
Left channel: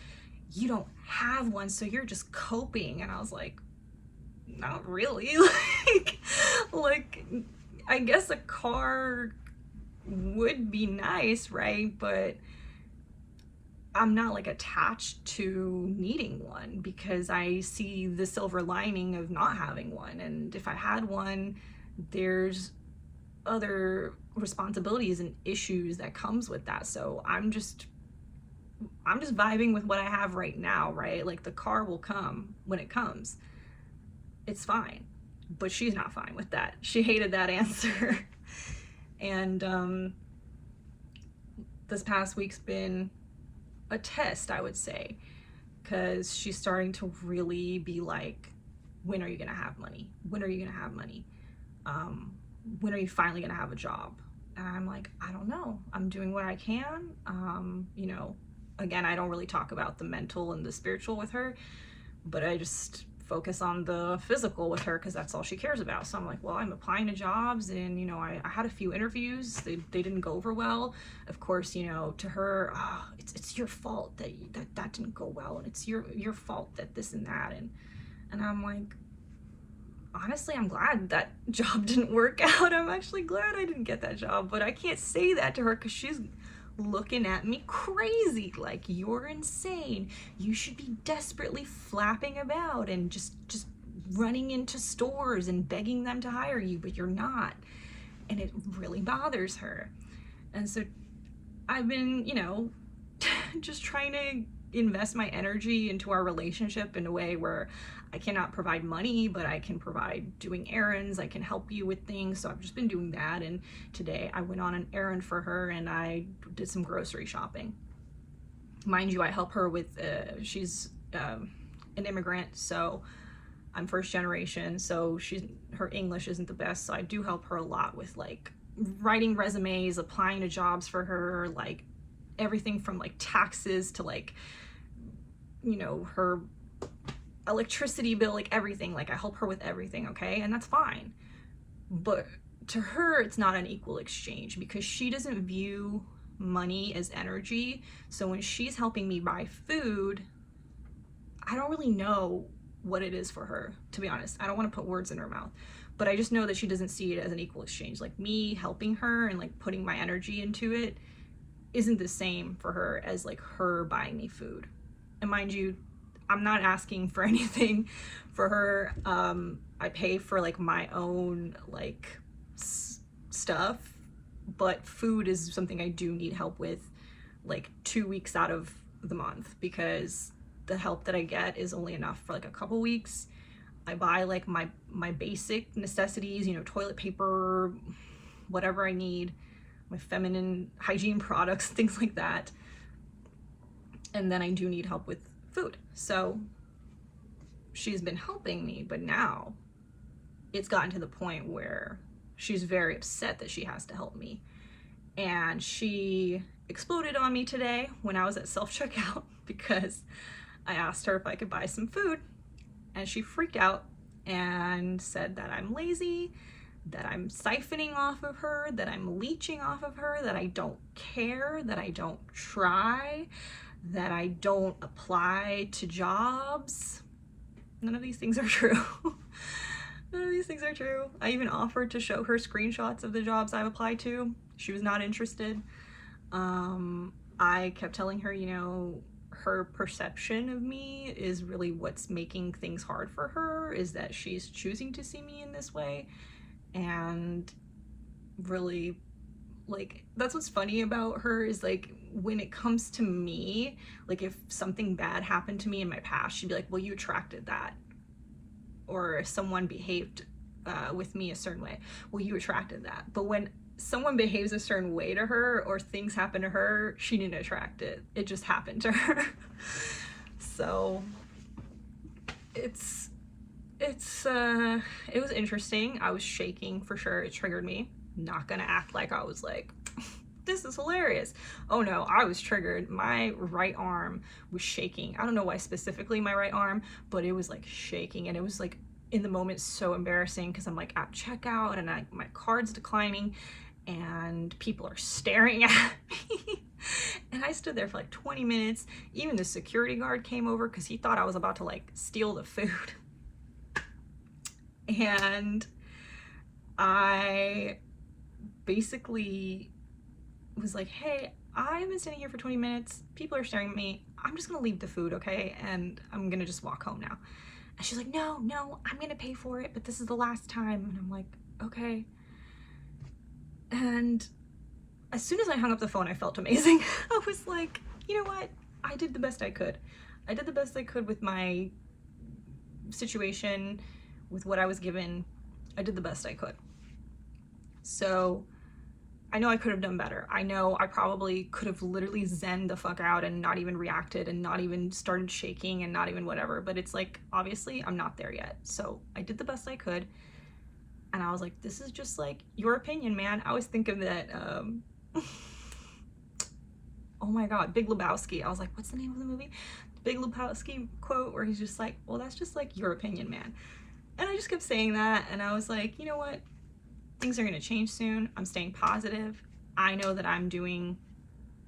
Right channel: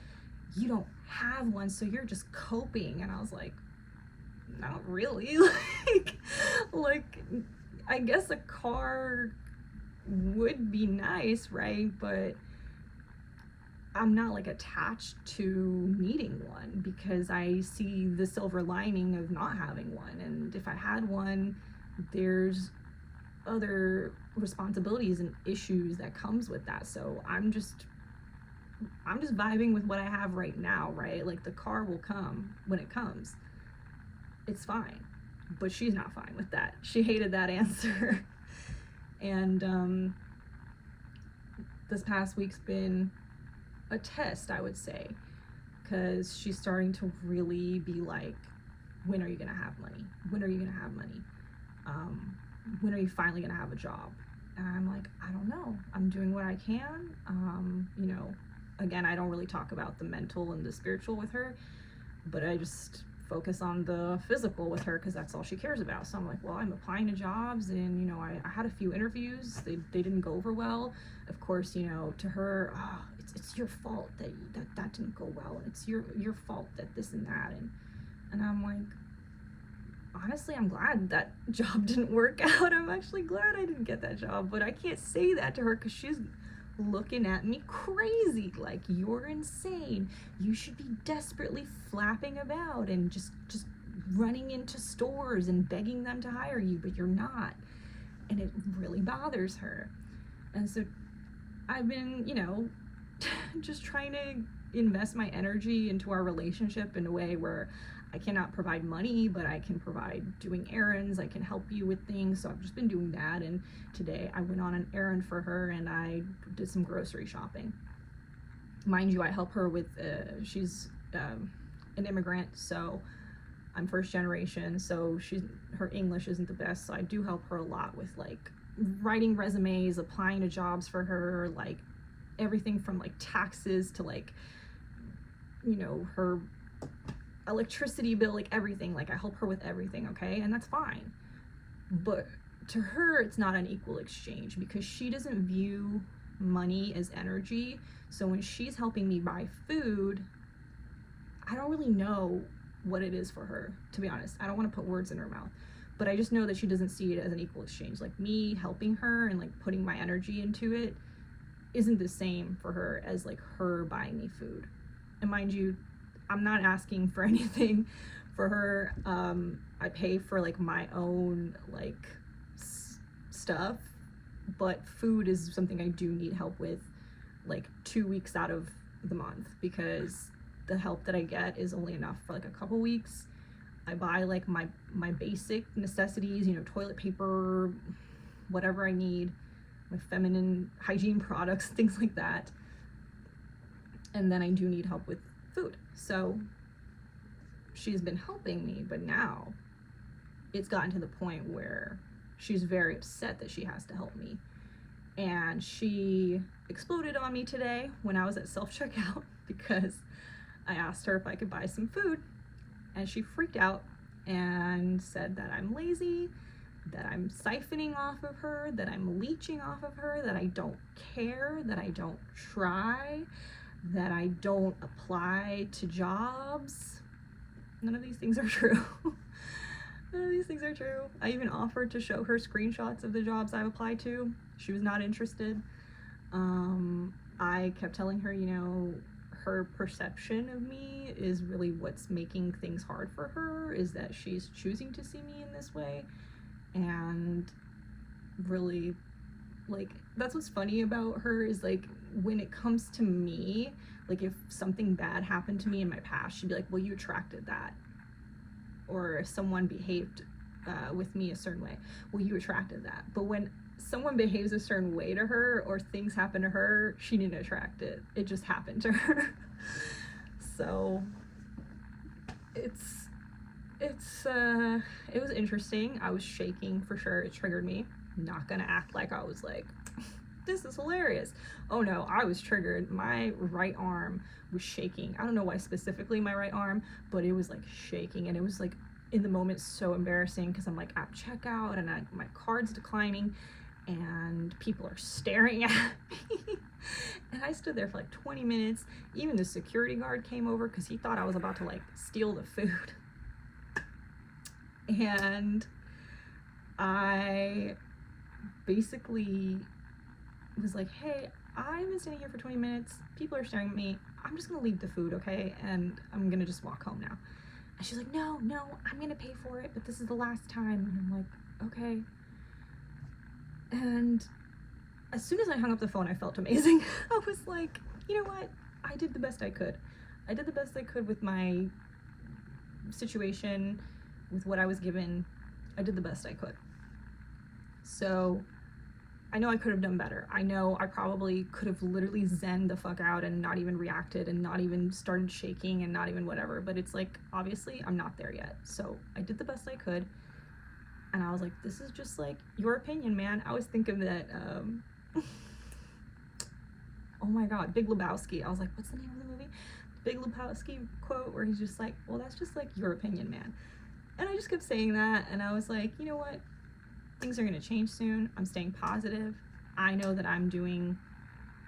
you don't have one, so you're just coping. And I was like, not really. like, I guess a car would be nice, right? But I'm not like attached to needing one, because I see the silver lining of not having one. And if I had one, there's other responsibilities and issues that comes with that. So I'm just vibing with what I have right now, right? Like, the car will come when it comes. It's fine. But she's not fine with that. She hated that answer. And this past week's been a test, I would say, because she's starting to really be like, when are you gonna have money? When are you gonna have money? When are you finally gonna have a job? And I'm like, I don't know. I'm doing what I can. Again, I don't really talk about the mental and the spiritual with her, but I just focus on the physical with her because that's all she cares about. So I'm like, well, I'm applying to jobs, and I had a few interviews. They didn't go over well. Of course, to her, it's your fault that didn't go well, and it's your fault that this and that, and I'm like, honestly, I'm glad that job didn't work out. I'm actually glad I didn't get that job, but I can't say that to her because she's looking at me crazy, like, you're insane. You should be desperately flapping about and just running into stores and begging them to hire you, but you're not. And it really bothers her. And so I've been, just trying to invest my energy into our relationship in a way where I cannot provide money, but I can provide doing errands. I can help you with things. So I've just been doing that. And today I went on an errand for her and I did some grocery shopping. Mind you, I help her with, she's an immigrant, so I'm first generation, so her English isn't the best. So I do help her a lot with like writing resumes, applying to jobs for her, like everything from like taxes to like, her electricity bill, like everything. Like, I help her with everything, okay? And that's fine. But to her, it's not an equal exchange because she doesn't view money as energy. So when she's helping me buy food, I don't really know what it is for her, to be honest. I don't want to put words in her mouth, but I just know that she doesn't see it as an equal exchange. Like, me helping her and like putting my energy into it isn't the same for her as like her buying me food. And mind you, I'm not asking for anything for her. I pay for like my own like stuff, but food is something I do need help with like 2 weeks out of the month, because the help that I get is only enough for like a couple weeks. I buy like my basic necessities, toilet paper, whatever I need, my feminine hygiene products, things like that. And then I do need help with food. So she's been helping me, but now it's gotten to the point where she's very upset that she has to help me. And she exploded on me today when I was at self-checkout because I asked her if I could buy some food, and she freaked out and said that I'm lazy, that I'm siphoning off of her, that I'm leeching off of her, that I don't care, that I don't try, that I don't apply to jobs. None of these things are true. None of these things are true. I even offered to show her screenshots of the jobs I've applied to. She was not interested. I kept telling her, you know, her perception of me is really what's making things hard for her, is that she's choosing to see me in this way. And really, like, that's what's funny about her, is like, when it comes to me, like if something bad happened to me in my past, she'd be like, well, you attracted that. Or if someone behaved with me a certain way, well, you attracted that. But when someone behaves a certain way to her, or things happen to her, she didn't attract it. It just happened to her. So it was interesting. I was shaking for sure. It triggered me. Not gonna act like I was like, this is hilarious. Oh no, I was triggered. My right arm was shaking. I don't know why specifically my right arm, but it was like shaking, and it was like in the moment so embarrassing, because I'm like at checkout and my card's declining and people are staring at me. And I stood there for like 20 minutes. Even the security guard came over because he thought I was about to like steal the food. And I basically was like, hey, I've been standing here for 20 minutes. People are staring at me. I'm just gonna leave the food, okay? And I'm gonna just walk home now. And she's like, no, I'm gonna pay for it, but this is the last time. And I'm like, okay. And as soon as I hung up the phone, I felt amazing. I was like, you know what? I did the best I could. I did the best I could with my situation, with what I was given. I did the best I could. So I know I could have done better. I know I probably could have literally zened the fuck out and not even reacted and not even started shaking and not even whatever. But it's like, obviously, I'm not there yet. So I did the best I could. And I was like, this is just like your opinion, man. I always think of that, oh my God, Big Lebowski. I was like, what's the name of the movie? Big Lebowski quote where he's just like, well, that's just like your opinion, man. And I just kept saying that. And I was like, you know what? Things are going to change soon. I'm staying positive. I know that I'm doing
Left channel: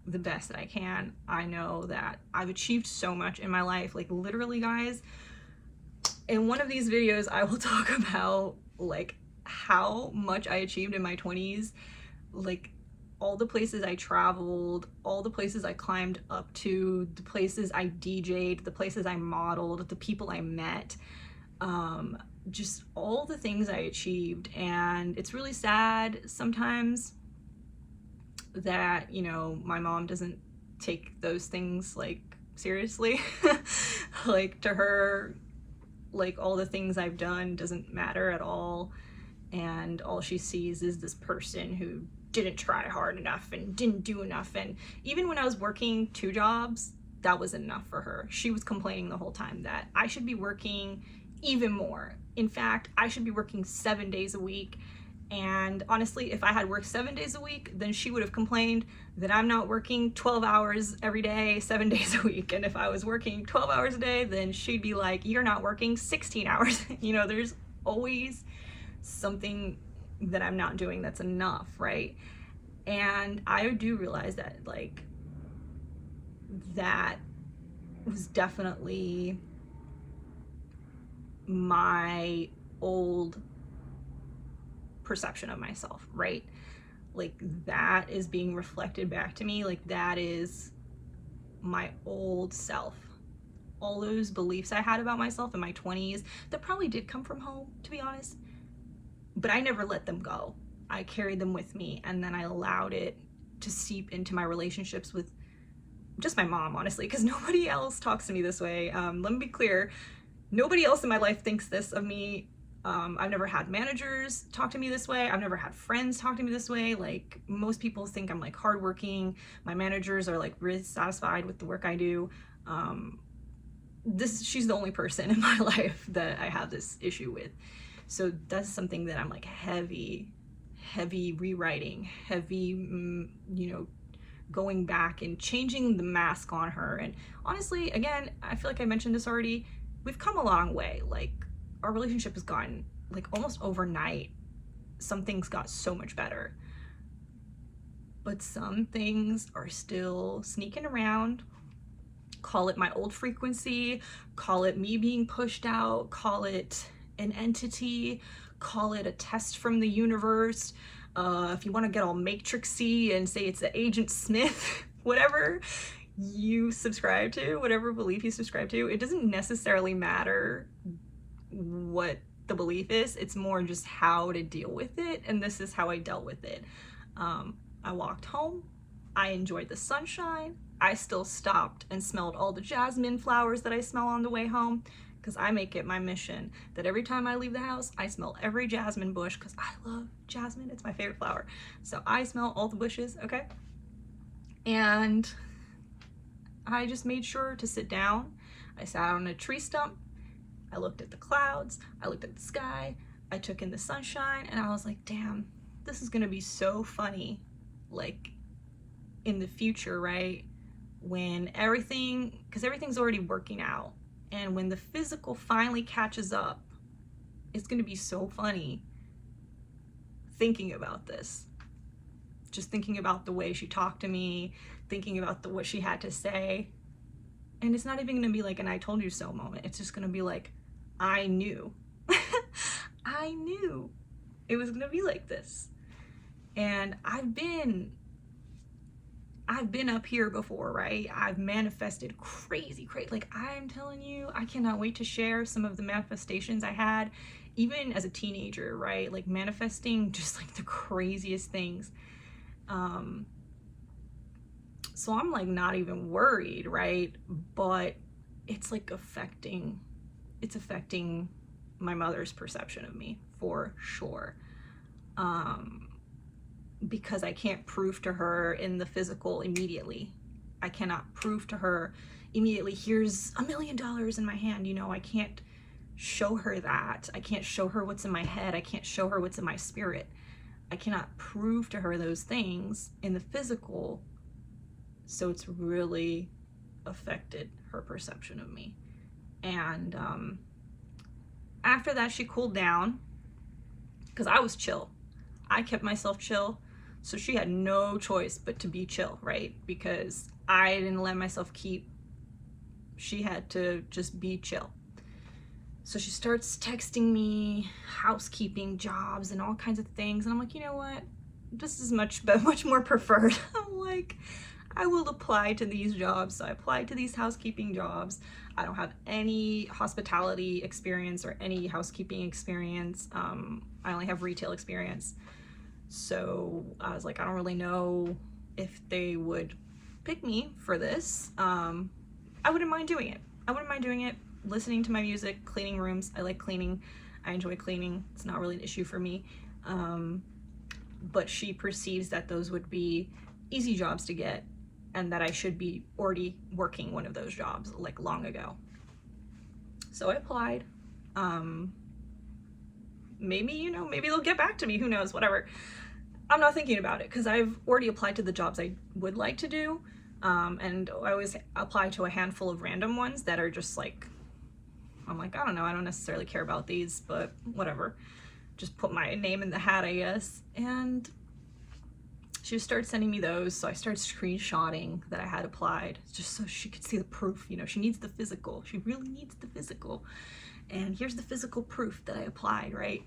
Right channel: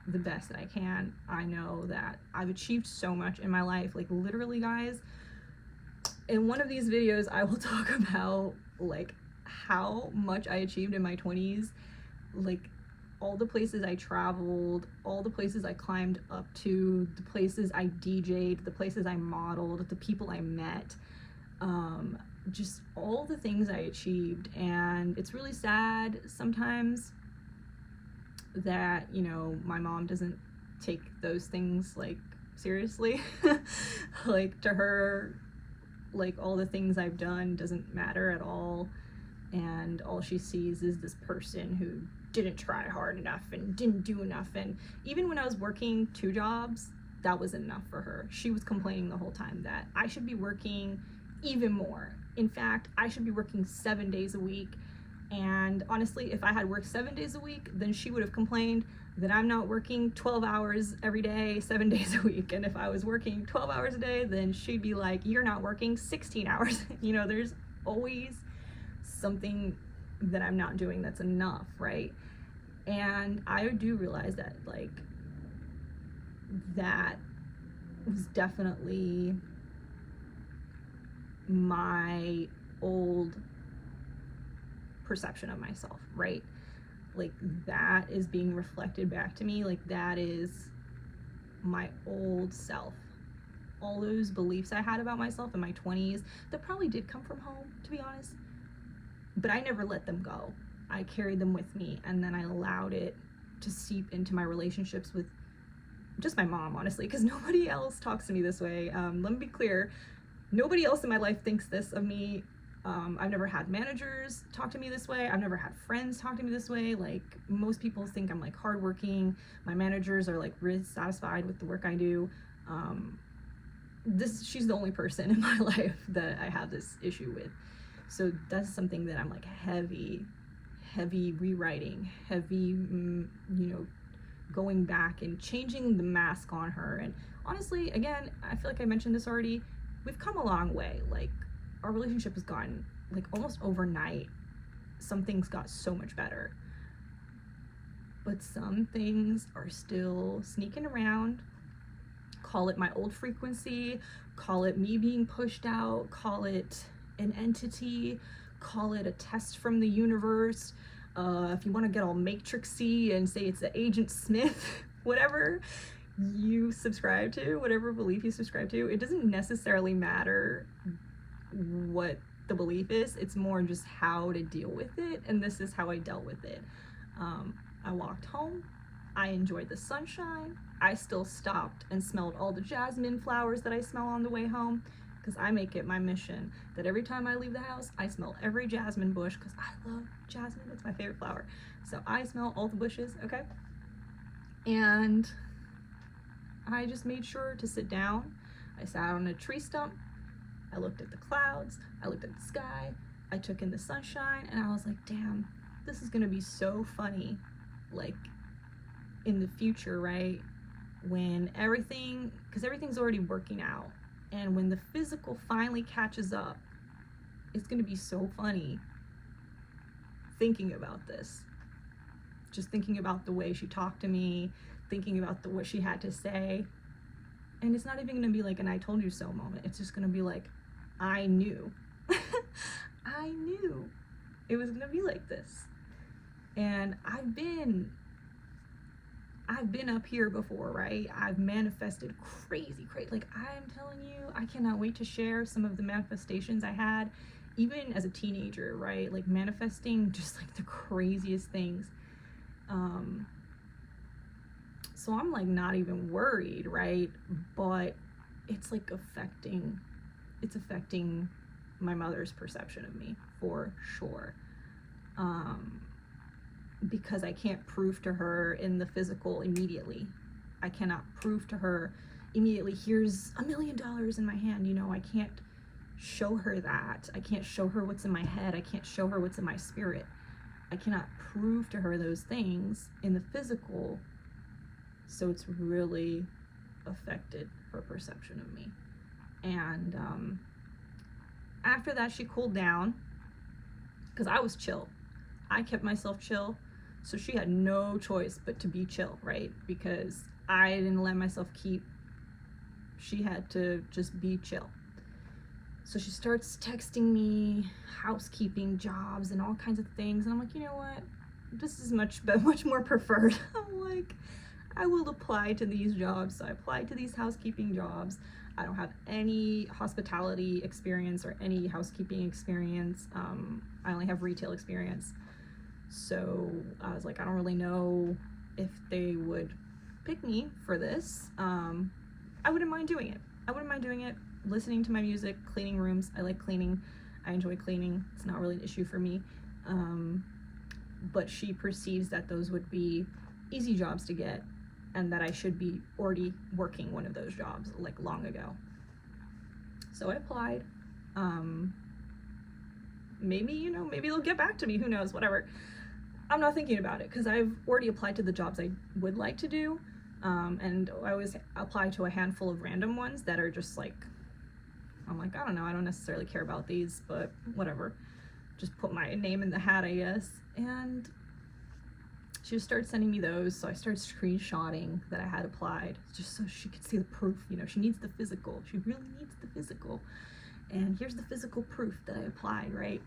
the best that I can. I know that I've achieved so much in my life. Like literally, guys, in one of these videos, I will talk about like how much I achieved in my 20s, like all the places I traveled, all the places I climbed up to, the places I DJ'd, the places I modeled, the people I met, just all the things I achieved. And it's really sad sometimes that, you know, my mom doesn't take those things like seriously. Like to her, like all the things I've done doesn't matter at all, and all she sees is this person who didn't try hard enough and didn't do enough. And even when I was working 2 jobs, that wasn't enough for her. She was complaining the whole time that I should be working even more. In fact, I should be working 7 days a week. And honestly, if I had worked 7 days a week, then she would have complained that I'm not working 12 hours every day, 7 days a week. And if I was working 12 hours a day, then she'd be like, you're not working 16 hours. You know, there's always something that I'm not doing that's enough, right? And I do realize that, like, that was definitely my old perception of myself, right? Like that is being reflected back to me. Like that is my old self. All those beliefs I had about myself in my 20s that probably did come from home, to be honest, but I never let them go. I carried them with me, and then I allowed it to seep into my relationships with just my mom, honestly, because nobody else talks to me this way. Let me be clear, nobody else in my life thinks this of me. I've never had managers talk to me this way. I've never had friends talk to me this way. Like most people think I'm like hardworking. My managers are like really satisfied with the work I do. She's the only person in my life that I have this issue with. So that's something that I'm like heavy rewriting, heavy, going back and changing the mask on her. And honestly, again, I feel like I mentioned this already. We've come a long way. Like our relationship has gone like almost overnight. Some things got so much better, but some things are still sneaking around. call it my old frequency, call it me being pushed out, call it an entity, call it a test from the universe. If you want to get all matrixy and say it's the Agent Smith, whatever you subscribe to, whatever belief you subscribe to, it doesn't necessarily matter what the belief is. It's more just how to deal with it, and this is how I dealt with it. I walked home. I enjoyed the sunshine. I still stopped and smelled all the jasmine flowers that I smell on the way home, because I make it my mission that every time I leave the house, I smell every jasmine bush, because I love jasmine. It's my favorite flower. So I smell all the bushes, okay? And I just made sure to sit down. I sat on a tree stump. I looked at the clouds. I looked at the sky. I took in the sunshine, and I was like, damn, this is gonna be so funny, like, in the future, right? When everything, because everything's already working out, and when the physical finally catches up, it's gonna be so funny thinking about this. Just thinking about the way she talked to me, thinking about what she had to say. And it's not even gonna be like an I told you so moment. It's just gonna be like, I knew. I knew it was gonna be like this. And I've been up here before, right? I've manifested crazy. Like, I'm telling you, I cannot wait to share some of the manifestations I had, even as a teenager, right? Like, manifesting just like the craziest things. So I'm like not even worried, right? But it's like affecting my mother's perception of me for sure. Because I can't prove to her in the physical immediately. I cannot prove to her immediately, here's $1 million in my hand. You know, I can't show her that. I can't show her what's in my head. I can't show her what's in my spirit. I cannot prove to her those things in the physical. So it's really affected her perception of me. And after that, she cooled down, because I was chill. I kept myself chill. So she had no choice but to be chill, right? Because I didn't let myself keep. She had to just be chill. So she starts texting me housekeeping jobs and all kinds of things. And I'm like, you know what? This is much more preferred. I'm like, I will apply to these jobs. So I applied to these housekeeping jobs. I don't have any hospitality experience or any housekeeping experience. I only have retail experience. So I was like, I don't really know if they would pick me for this. I wouldn't mind doing it. Listening to my music, cleaning rooms. I like cleaning. I enjoy cleaning. It's not really an issue for me. But she perceives that those would be easy jobs to get, and that I should be already working one of those jobs like long ago. So I applied. Maybe they'll get back to me. Who knows? Whatever. I'm not thinking about it, because I've already applied to the jobs I would like to do. And I always apply to a handful of random ones that are just like, I'm like, I don't know, I don't necessarily care about these, but whatever. Just put my name in the hat, I guess. And she started sending me those, so I started screenshotting that I had applied, just so she could see the proof. You know, she needs the physical. She really needs the physical. And here's the physical proof that I applied, right?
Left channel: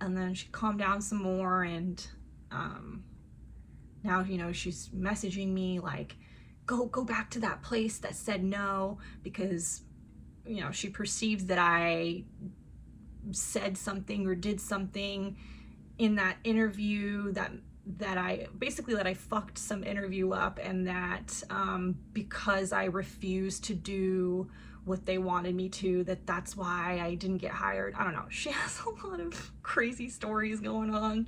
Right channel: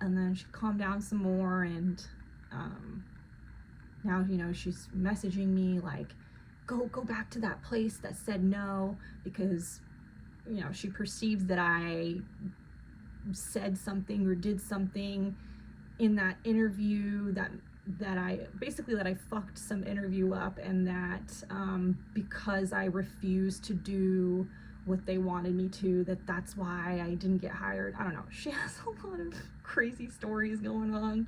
And then she calmed down some more, and now, you know, she's messaging me like, go back to that place that said no, because, you know, she perceives that I said something or did something in that interview that I fucked some interview up, and that because I refused to do what they wanted me to, that's why I didn't get hired. I don't know. She has a lot of crazy stories going on,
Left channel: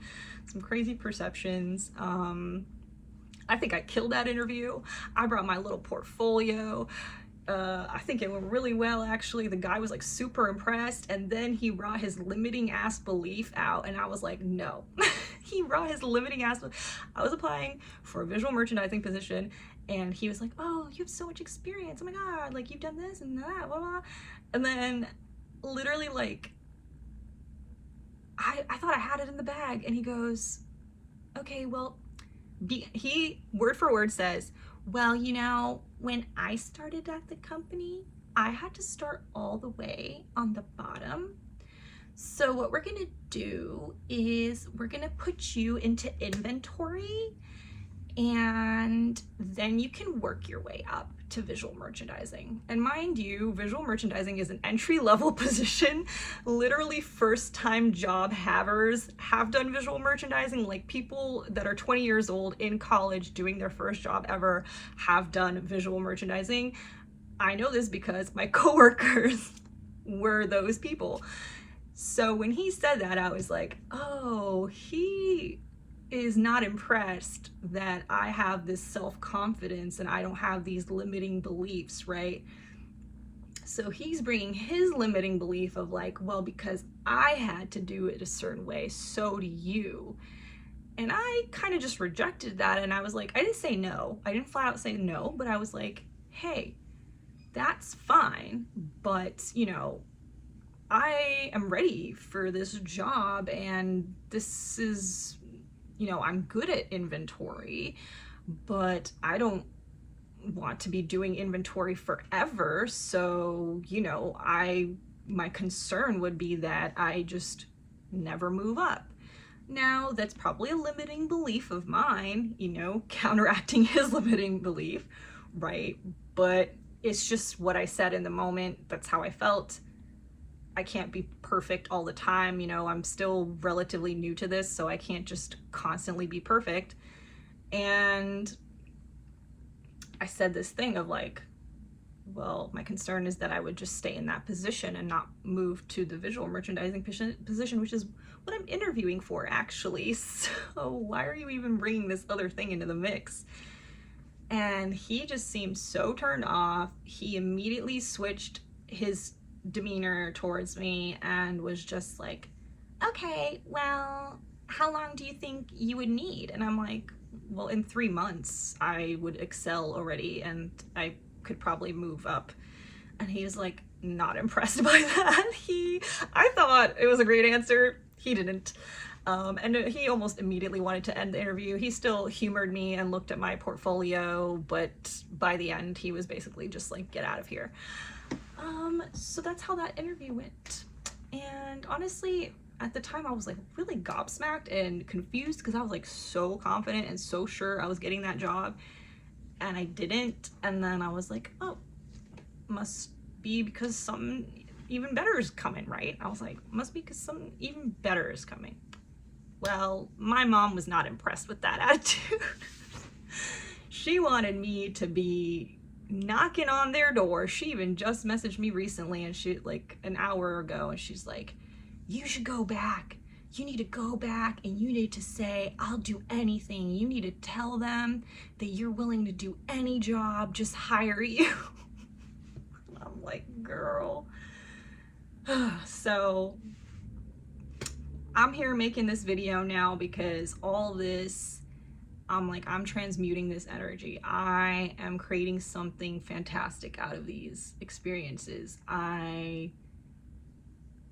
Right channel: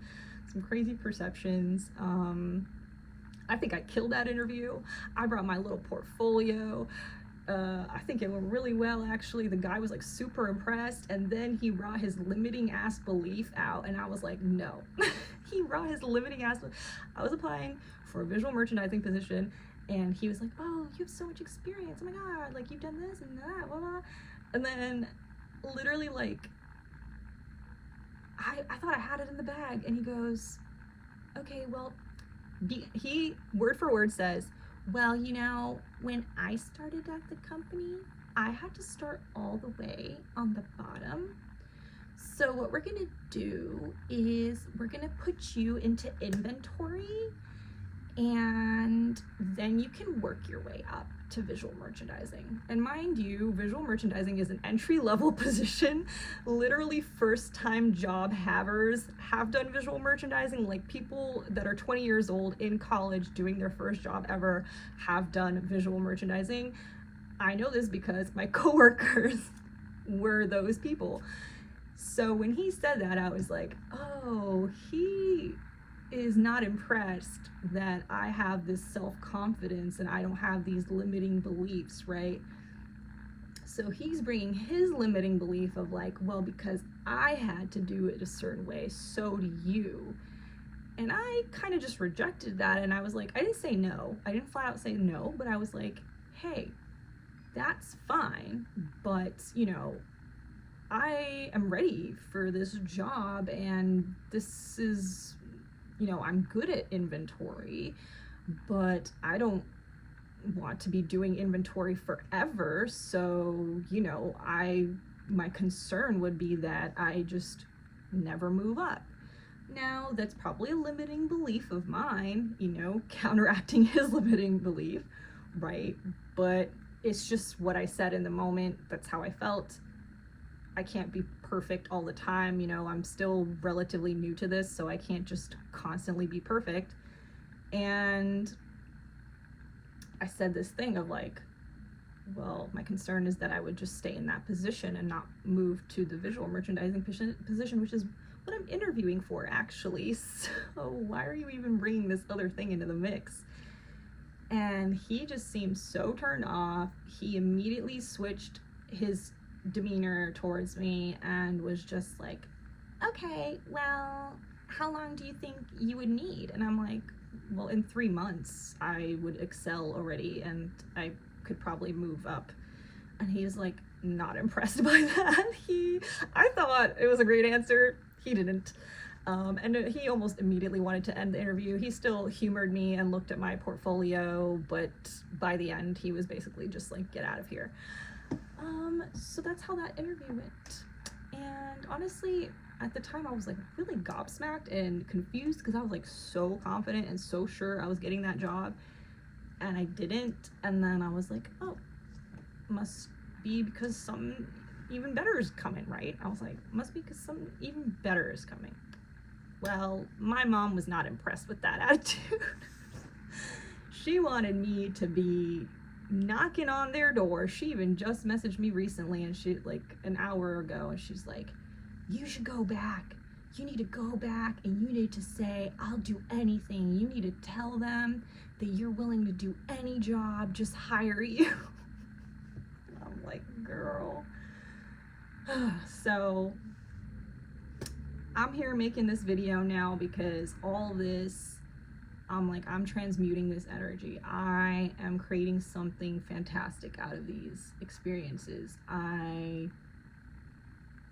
some crazy perceptions. I think I killed that interview. I brought my little portfolio. I think it went really well, actually. The guy was like super impressed, and then he brought his limiting ass belief out, and I was like, no. He brought his limiting ass. I was applying for a visual merchandising position, and he was like, oh, you have so much experience. Oh my God, like, you've done this and that, blah, blah. And then literally, like, I thought I had it in the bag, and he goes, okay, well, he word for word says, Well, when I started at the company, I had to start all the way on the bottom. So what we're gonna do is we're gonna put you into inventory, and then you can work your way up to visual merchandising. And mind you, visual merchandising is an entry-level position. Literally first-time job havers have done visual merchandising. Like people that are 20 years old in college doing their first job ever have done visual merchandising. I know this because my coworkers were those people. So when he said that, I was like, oh, he is not impressed that I have this self-confidence and I don't have these limiting beliefs, right? So he's bringing his limiting belief of like, well, because I had to do it a certain way, so do you. And I kind of just rejected that, and I was like, I didn't say no. I didn't flat out say no, but I was like, hey, that's fine, but I am ready for this job, and this is, I'm good at inventory, but I don't want to be doing inventory forever. So, my concern would be that I just never move up. Now, that's probably a limiting belief of mine, counteracting his limiting belief, right? But it's just what I said in the moment. That's how I felt. I can't be perfect all the time. I'm still relatively new to this, so I can't just constantly be perfect. And I said this thing of like, well, my concern is that I would just stay in that position and not move to the visual merchandising position, which is what I'm interviewing for, actually. So why are you even bringing this other thing into the mix? And he just seemed so turned off. He immediately switched his demeanor towards me and was just like, okay, well, how long do you think you would need? And I'm like, well, in 3 months I would excel already and I could probably move up. And he was like not impressed by that. I thought it was a great answer. He didn't. And he almost immediately wanted to end the interview. He still humored me and looked at my portfolio, but by the end he was basically just like, get out of here. So that's how that interview went. And honestly, at the time I was like really gobsmacked and confused because I was like so confident and so sure I was getting that job, and I didn't. And then I was like, oh, must be because something even better is coming, right? I was like, must be because something even better is coming. Well, my mom was not impressed with that attitude. She wanted me to be knocking on their door. She even just messaged me recently, and she like an hour ago, and she's like, you should go back. You need to go back and you need to say, I'll do anything. You need to tell them that you're willing to do any job, just hire you. I'm like, girl. So I'm here making this video now because all this, I'm transmuting this energy. I am creating something fantastic out of these experiences. I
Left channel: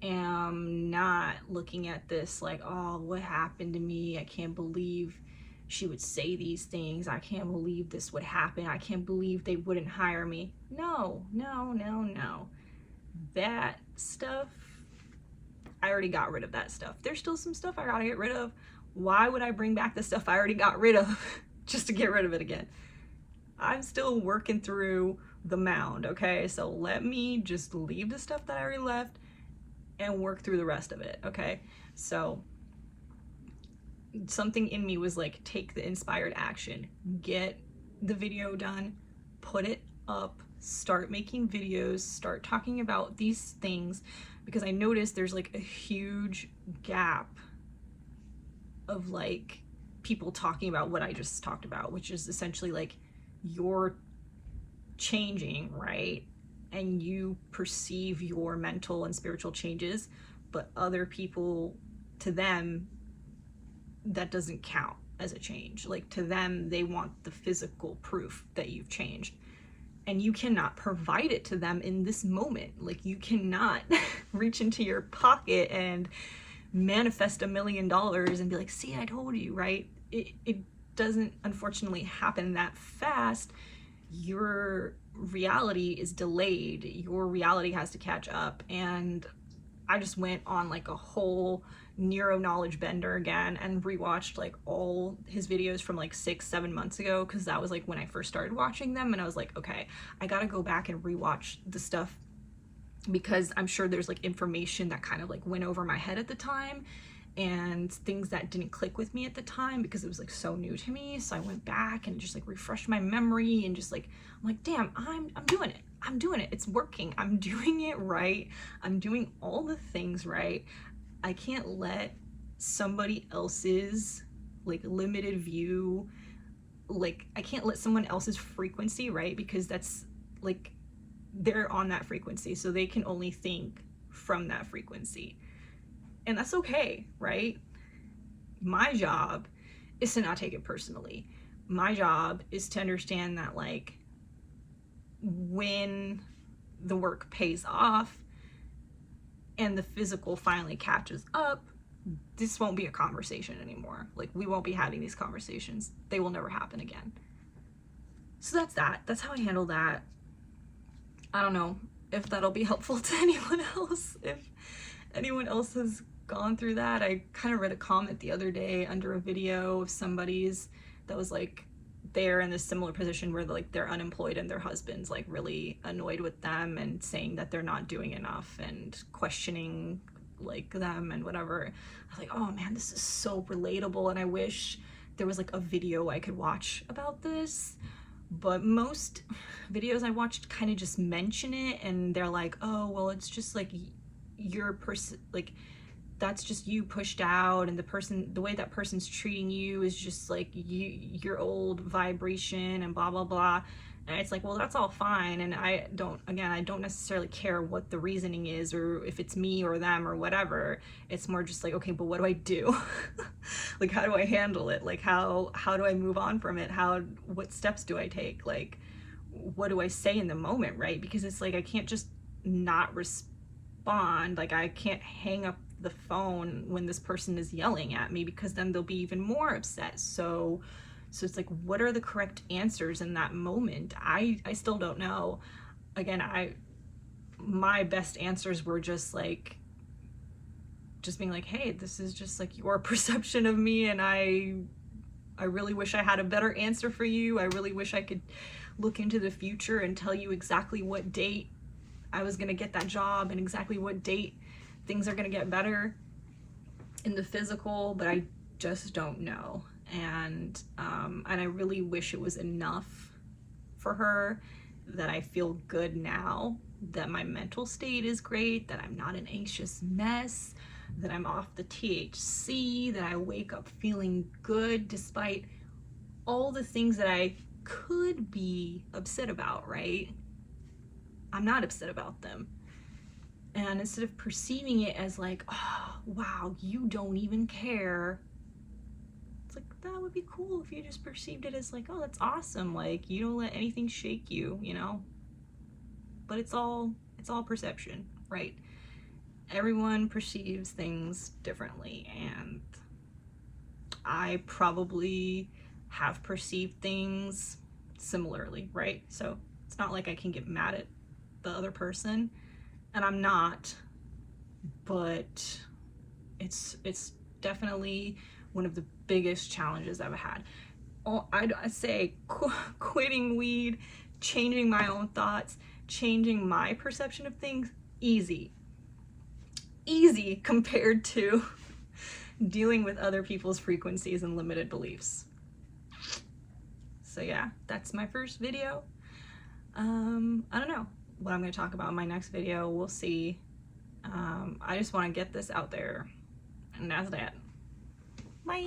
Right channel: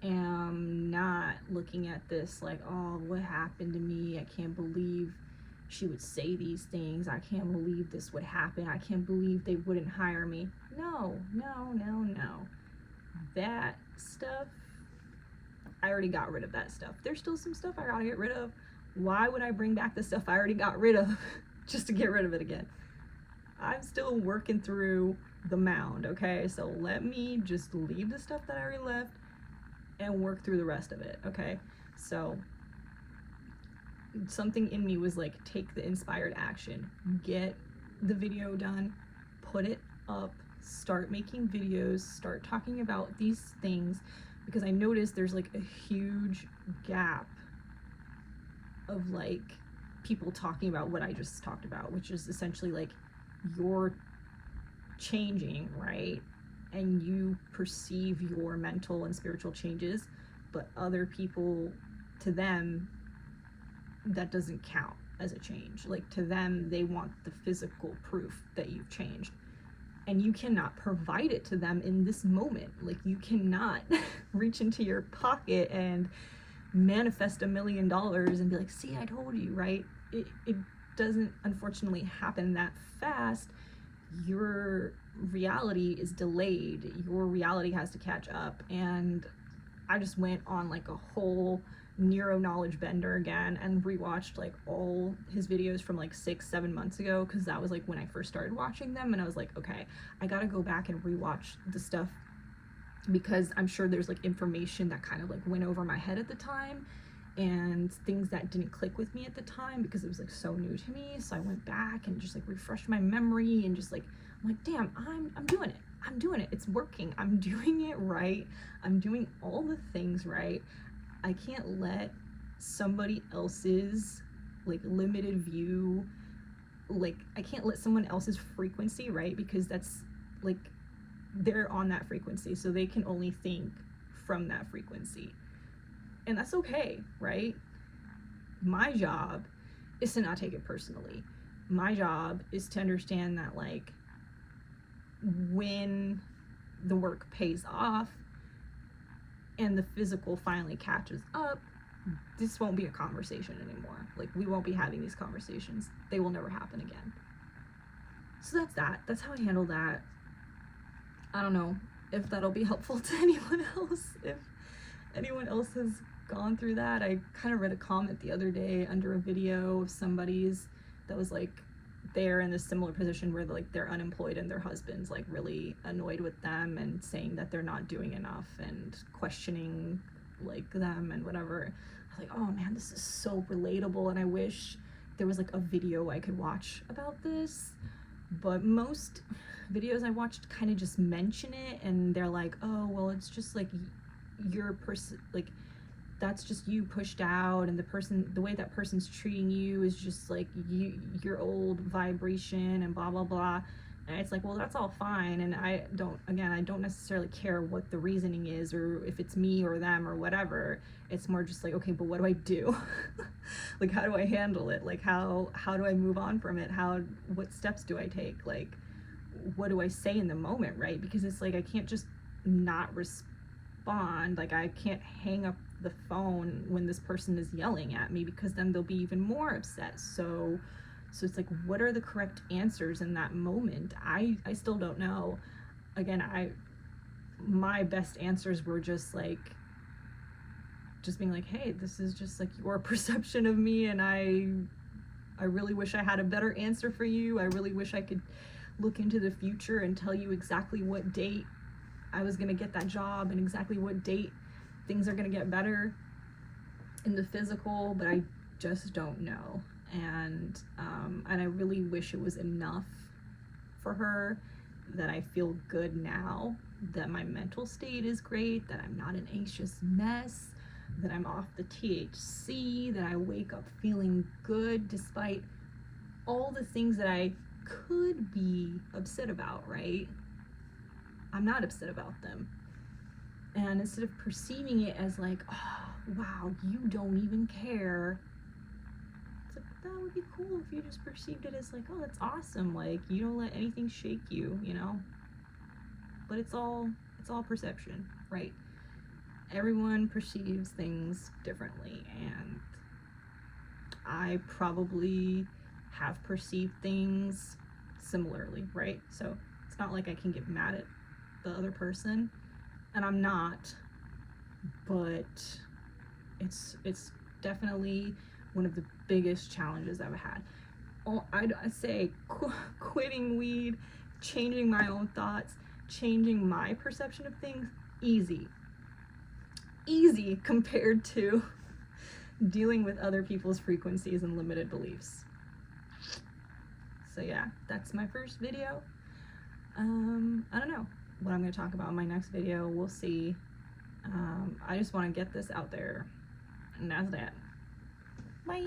am not looking at this like, oh, what happened to me? I can't believe she would say these things. I can't believe this would happen. I can't believe they wouldn't hire me. No. That stuff, I already got rid of that stuff. There's still some stuff I gotta get rid of. Why would I bring back the stuff I already got rid of just to get rid of it again? I'm still working through the mound, okay? So let me just leave the stuff that I already left and work through the rest of it, okay? So something in me was like, take the inspired action, get the video done, put it up, start making videos, start talking about these things, because I noticed there's like a huge gap of like people talking about what I just talked about, which is essentially like you're changing, right? And you perceive your mental and spiritual changes, but other people, to them, that doesn't count as a change. Like to them, they want the physical proof that you've changed. And you cannot provide it to them in this moment. Like you cannot reach into your pocket and manifest $1 million and be like, see, I told you, right? It doesn't unfortunately happen that fast, your reality is delayed. Your reality has to catch up. And I just went on like a whole neuro knowledge bender again and rewatched like all his videos from like 6-7 months ago, because that was like when I first started watching them, and I was like, okay, I gotta go back and rewatch the stuff, because I'm sure there's like information that kind of like went over my head at the time, and things that didn't click with me at the time because it was like so new to me. So I went back and just like refreshed my memory, and just like, I'm like, damn, I'm doing it. I'm doing it. It's working. I'm doing it right. I'm doing all the things right. I can't let somebody else's like limited view, like I can't let someone else's frequency, right? Because that's like, they're on that frequency, so they can only think from that frequency. And that's okay, right? My job is to not take it personally. My job is to understand that like, when the work pays off and the physical finally catches up, this won't be a conversation anymore. Like, we won't be having these conversations. They will never happen again. So that's that. That's how I handle that. I don't know if that'll be helpful to anyone else. If anyone else has gone through that. I kind of read a comment the other day under a video of somebody's that was like, they're in this similar position where like they're unemployed and their husband's like really annoyed with them and saying that they're not doing enough and questioning like them and whatever. I was like, oh man, this is so relatable, and I wish there was like a video I could watch about this. But most videos I watched kind of just mention it, and they're like, oh well, it's just like your person, like that's just you pushed out, and the way that person's treating you is just like your old vibration and blah blah blah. And it's like, well, that's all fine, and I don't necessarily care what the reasoning is, or if it's me or them or whatever. It's more just like, okay, but what do I do? Like, how do I handle it? Like, how do I move on from it? What steps do I take? Like, what do I say in the moment, right? Because it's like, I can't just not respond. Like, I can't hang up the phone when this person is yelling at me, because then they'll be even more upset. So it's like, what are the correct answers in that moment? I still don't know. Again, my best answers were just being like, hey, this is just like your perception of me, and I really wish I had a better answer for you. I really wish I could look into the future and tell you exactly what date I was gonna get that job and exactly what date things are gonna get better in the physical, but I just don't know. And I really wish it was enough for her that I feel good now, that my mental state is great, that I'm not an anxious mess, that I'm off the THC, that I wake up feeling good despite all the things that I could be upset about, right? I'm not upset about them. And instead of perceiving it as like, oh, wow, you don't even care, it's like, that would be cool if you just perceived it as like, oh, that's awesome. Like, you don't let anything shake you, you know? But it's all perception, right? Everyone perceives things differently, and I probably have perceived things similarly, right? So it's not like I can get mad at the other person, and I'm not, but it's definitely one of the biggest challenges I've had. I say quitting weed, changing my own thoughts, changing my perception of things, easy compared to dealing with other people's frequencies and limited beliefs. So yeah, that's my first video. I don't know what I'm going to talk about in my next video. We'll see. I just want to get this out there, and that's that. Bye.